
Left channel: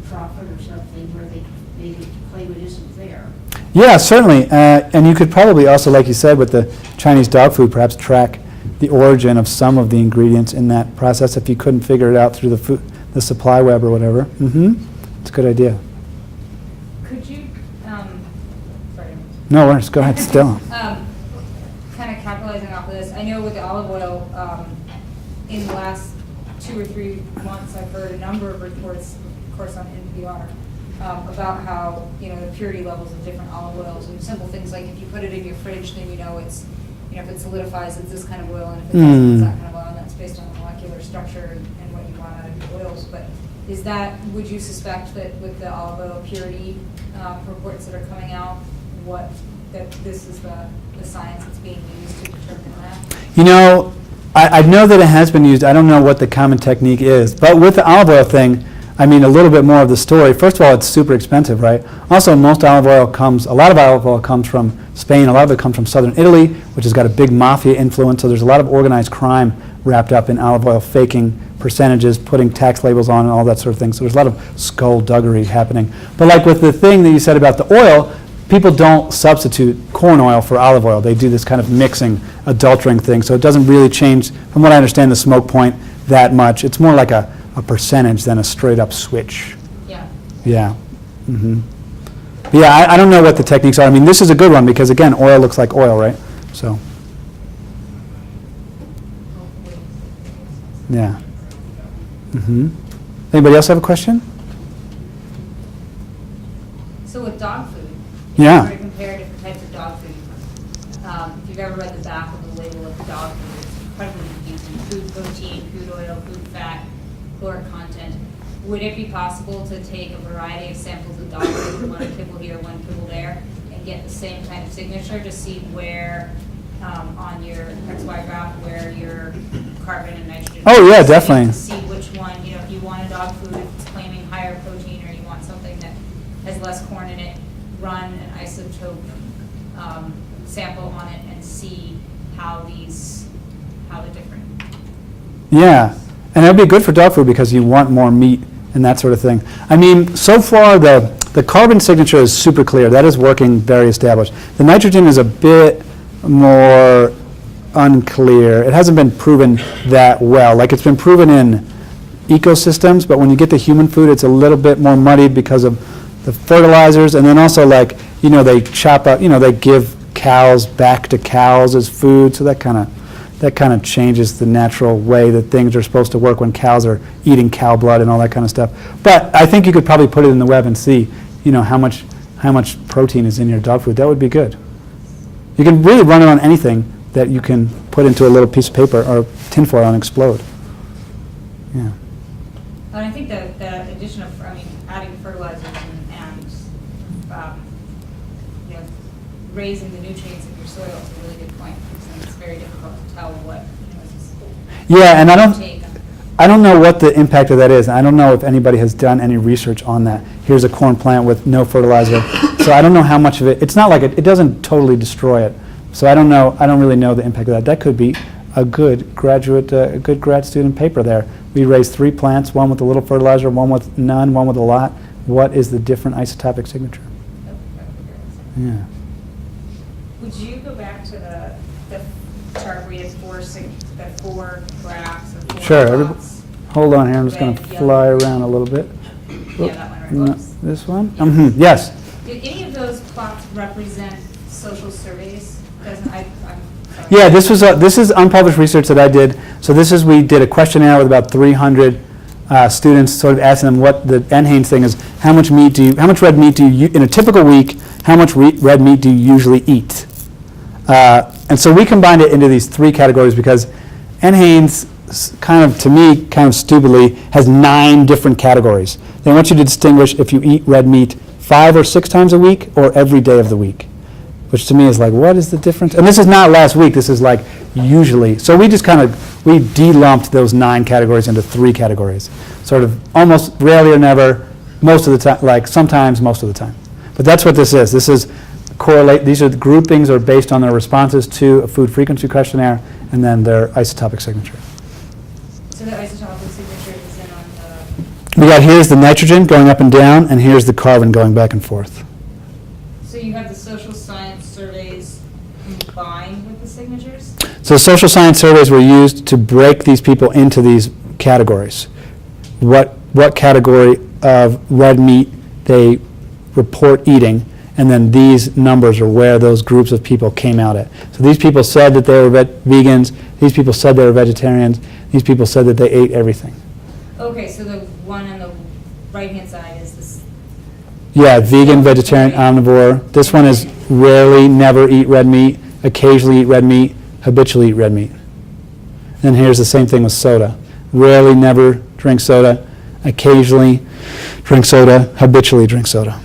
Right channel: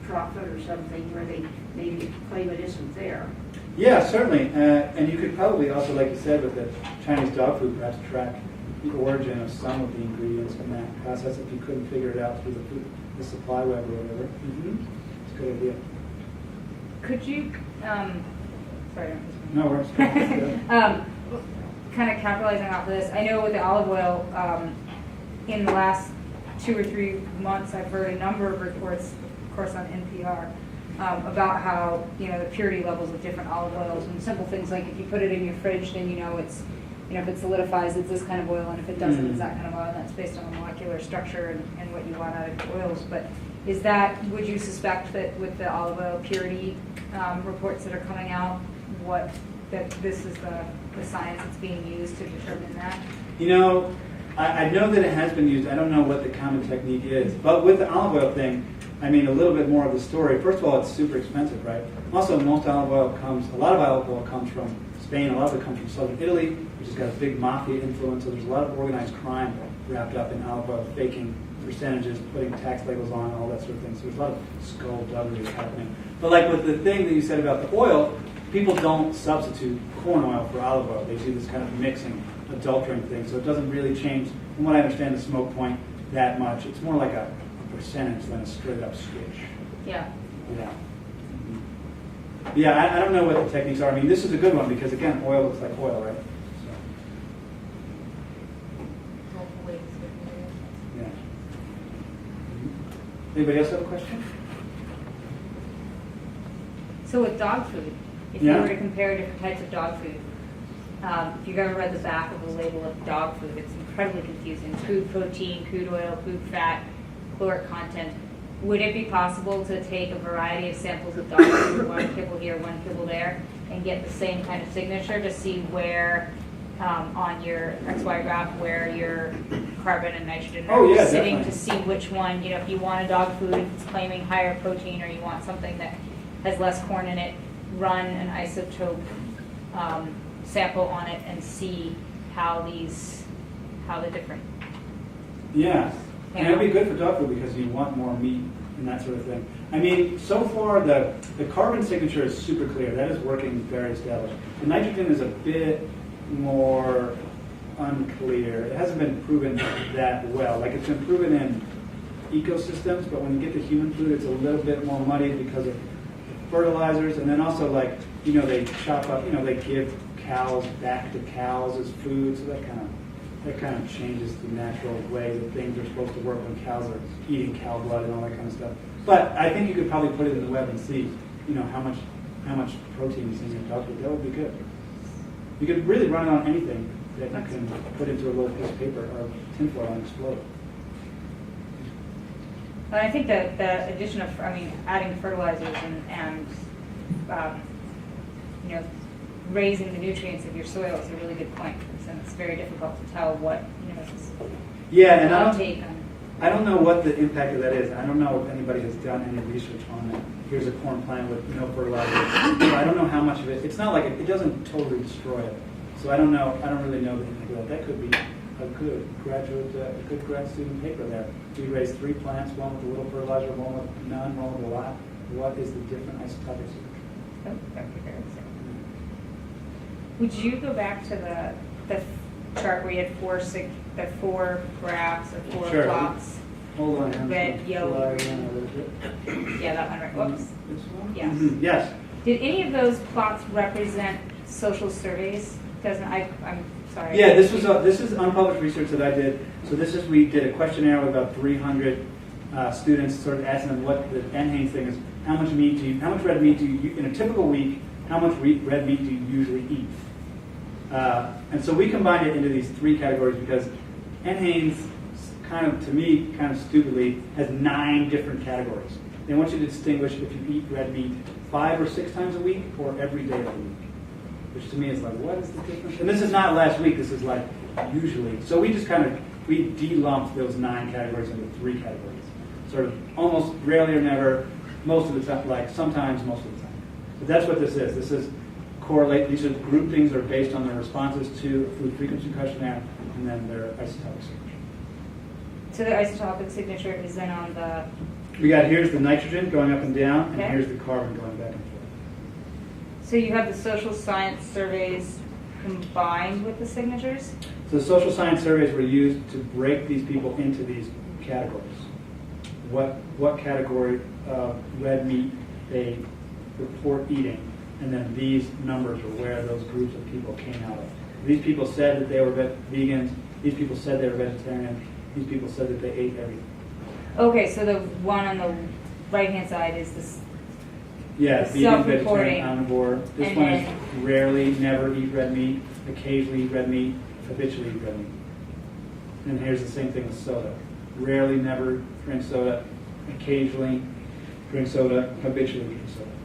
profit or something where they maybe claim it isn't there. Yeah, certainly. And you could probably also, like you said, with the Chinese dog food, perhaps track the origin of some of the ingredients in that process if you couldn't figure it out through the supply web or whatever. It's a good idea. Could you, sorry. No worries. Go ahead. Still. Kind of capitalizing off of this, I know with the olive oil, in the last 2 or 3 months, I've heard a number of reports, of course on NPR, about how, the purity levels of different olive oils and simple things like if you put it in your fridge, then it's, if it solidifies, it's this kind of oil, and if it doesn't, it's that kind of oil, and that's based on the molecular structure and what you want out of your oils. But would you suspect that with the olive oil purity reports that are coming out, that this is the science that's being used to determine that? I know that it has been used. I don't know what the common technique is. But with the olive oil thing, I mean, a little bit more of the story. First of all, it's super expensive, right? Also, a lot of olive oil comes from Spain. A lot of it comes from southern Italy, which has got a big mafia influence. So there's a lot of organized crime wrapped up in olive oil, faking percentages, putting tax labels on and all that sort of thing. So there's a lot of skullduggery happening. But like with the thing that you said about the oil, people don't substitute corn oil for olive oil. They do this kind of mixing, adulterating thing. So it doesn't really change, from what I understand, the smoke point that much. It's more like a percentage than a straight up switch. Yeah. Yeah. Yeah, I don't know what the techniques are. I mean, this is a good one because, again, oil looks like oil, right? So, yeah. Anybody else have a question? So with dog food, Yeah. if you were to compare different types of dog food, if you've ever read the back of the label of dog food, it's incredibly confusing. Food protein, food oil, food fat, caloric content. Would it be possible to take a variety of samples of dog food, one kibble here, one kibble there, and get the same kind of signature to see where on your XY graph where your carbon and nitrogen? Oh, yeah, is, definitely. To see which one, if you want a dog food, if it's claiming higher protein, or you want something that has less corn in it, run an isotope sample on it and see how the different. Yeah. And it would be good for dog food because you want more meat and that sort of thing. I mean, so far the carbon signature is super clear. That is working, very established. The nitrogen is a bit more unclear. It hasn't been proven that well. Like, it's been proven in ecosystems, but when you get to human food, it's a little bit more muddied because of the fertilizers, and then also, like, they chop up, they give cows back to cows as food, so that kind of changes the natural way that things are supposed to work when cows are eating cow blood and all that kind of stuff. But I think you could probably put it in the web and see, how much protein is in your dog food. That would be good. You can really run it on anything that you can put into a little piece of paper or tinfoil and explode. Yeah. And I think that the addition of, adding fertilizers and raising the nutrients of your soil is a really good point. And it's very difficult to tell what, Yeah, and I don't know what the impact of that is. I don't know if anybody has done any research on that. Here's a corn plant with no fertilizer. So I don't know how much of it, it's not like it doesn't totally destroy it. So I don't really know the impact of that. That could be a good grad student paper there. We raised 3 plants, one with a little fertilizer, one with none, one with a lot. What is the different isotopic signature? Yeah. Would you go back to the chart where you had 4 graphs of 4 Sure. plots? Hold on here. I'm just going to Red, fly yellow. around a little bit. Yeah, that one right. No, Whoops. this one? Yes. Mhm, yes. Did any of those plots represent social surveys? I'm sorry. Yeah, this is unpublished research that I did. So we did a questionnaire with about 300 students, sort of asking them what the NHANES thing is. How much red meat do you, in a typical week, how much red meat do you usually eat? And so we combined it into these 3 categories because NHANES, to me, kind of stupidly, has 9 different categories. They want you to distinguish if you eat red meat 5 or 6 times a week or every day of the week, which to me is like, what is the difference? And this is not last week. This is like usually. So we just we de-lumped those 9 categories into 3 categories, sort of almost rarely or never, most of the time, like sometimes most of the time. But that's what this is. This is these are the groupings are based on their responses to a food frequency questionnaire and then their isotopic signature. So the isotopic signature is then on Here's the nitrogen going up and down, and here's the carbon going back and forth. so you have the social science surveys combined with the signatures? So social science surveys were used to break these people into these categories. What category of red meat they report eating, and then these numbers are where those groups of people came out at. So these people said that they were vegans, these people said they were vegetarians, these people said that they ate everything. Okay, so the one on the right-hand side is this. Yeah, vegan, Self-reporting. vegetarian, omnivore. This one is rarely, never eat red meat, occasionally eat red meat, habitually eat red meat. And here's the same thing with soda. Rarely, never drink soda, occasionally drink soda, habitually drink soda.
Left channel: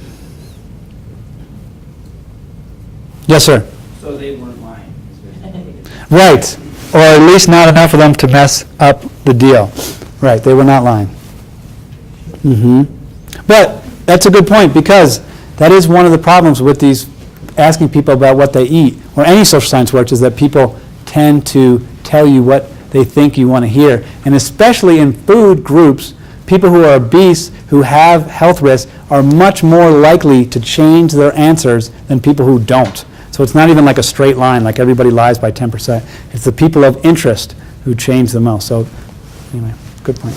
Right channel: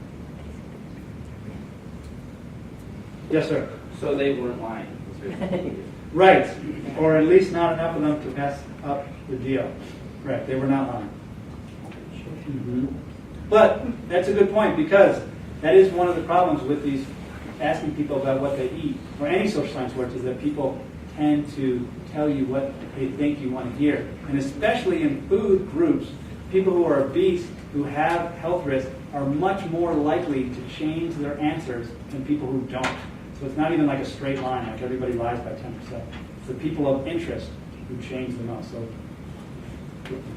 Yes, sir. So they weren't lying. Right, or at least not enough of them to mess up the deal. Right, they were not lying. But that's a good point, because that is one of the problems with these asking people about what they eat, or any social science works, is that people tend to tell you what they think you want to hear. And especially in food groups, people who are obese, who have health risks, are much more likely to change their answers than people who don't. So it's not even like a straight line, like everybody lies by 10%. It's the people of interest who change the most. So anyway, good point.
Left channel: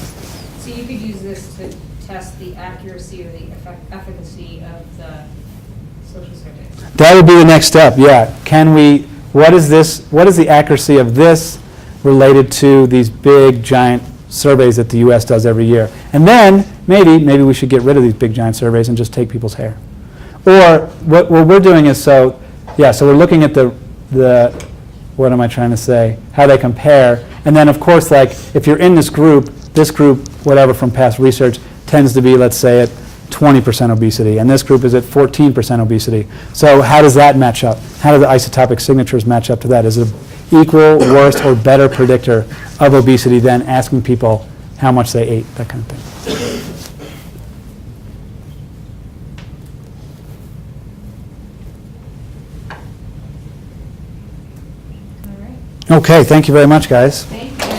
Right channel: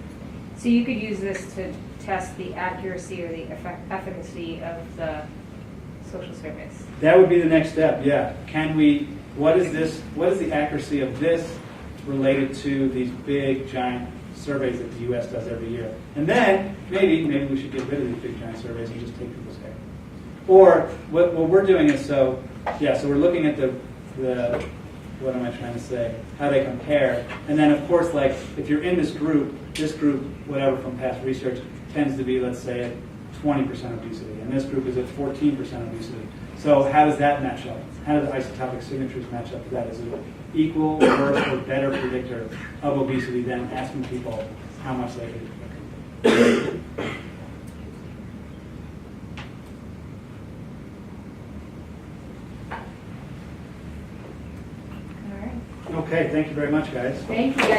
So you could use this to test the accuracy or the efficacy of the social surveys. That would be the next step, yeah. What is the accuracy of this related to these big, giant surveys that the U.S. does every year? And then maybe we should get rid of these big, giant surveys and just take people's hair. Or what we're doing is, so we're looking at the what am I trying to say, how they compare. And then, of course, like, if you're in this group, whatever from past research, tends to be, let's say, at 20% obesity, and this group is at 14% obesity. So how does that match up? How do the isotopic signatures match up to that? Is it an equal, worse, or better predictor of obesity than asking people how much they ate, that kind of thing? All right. Okay, thank you very much, guys. Thank you.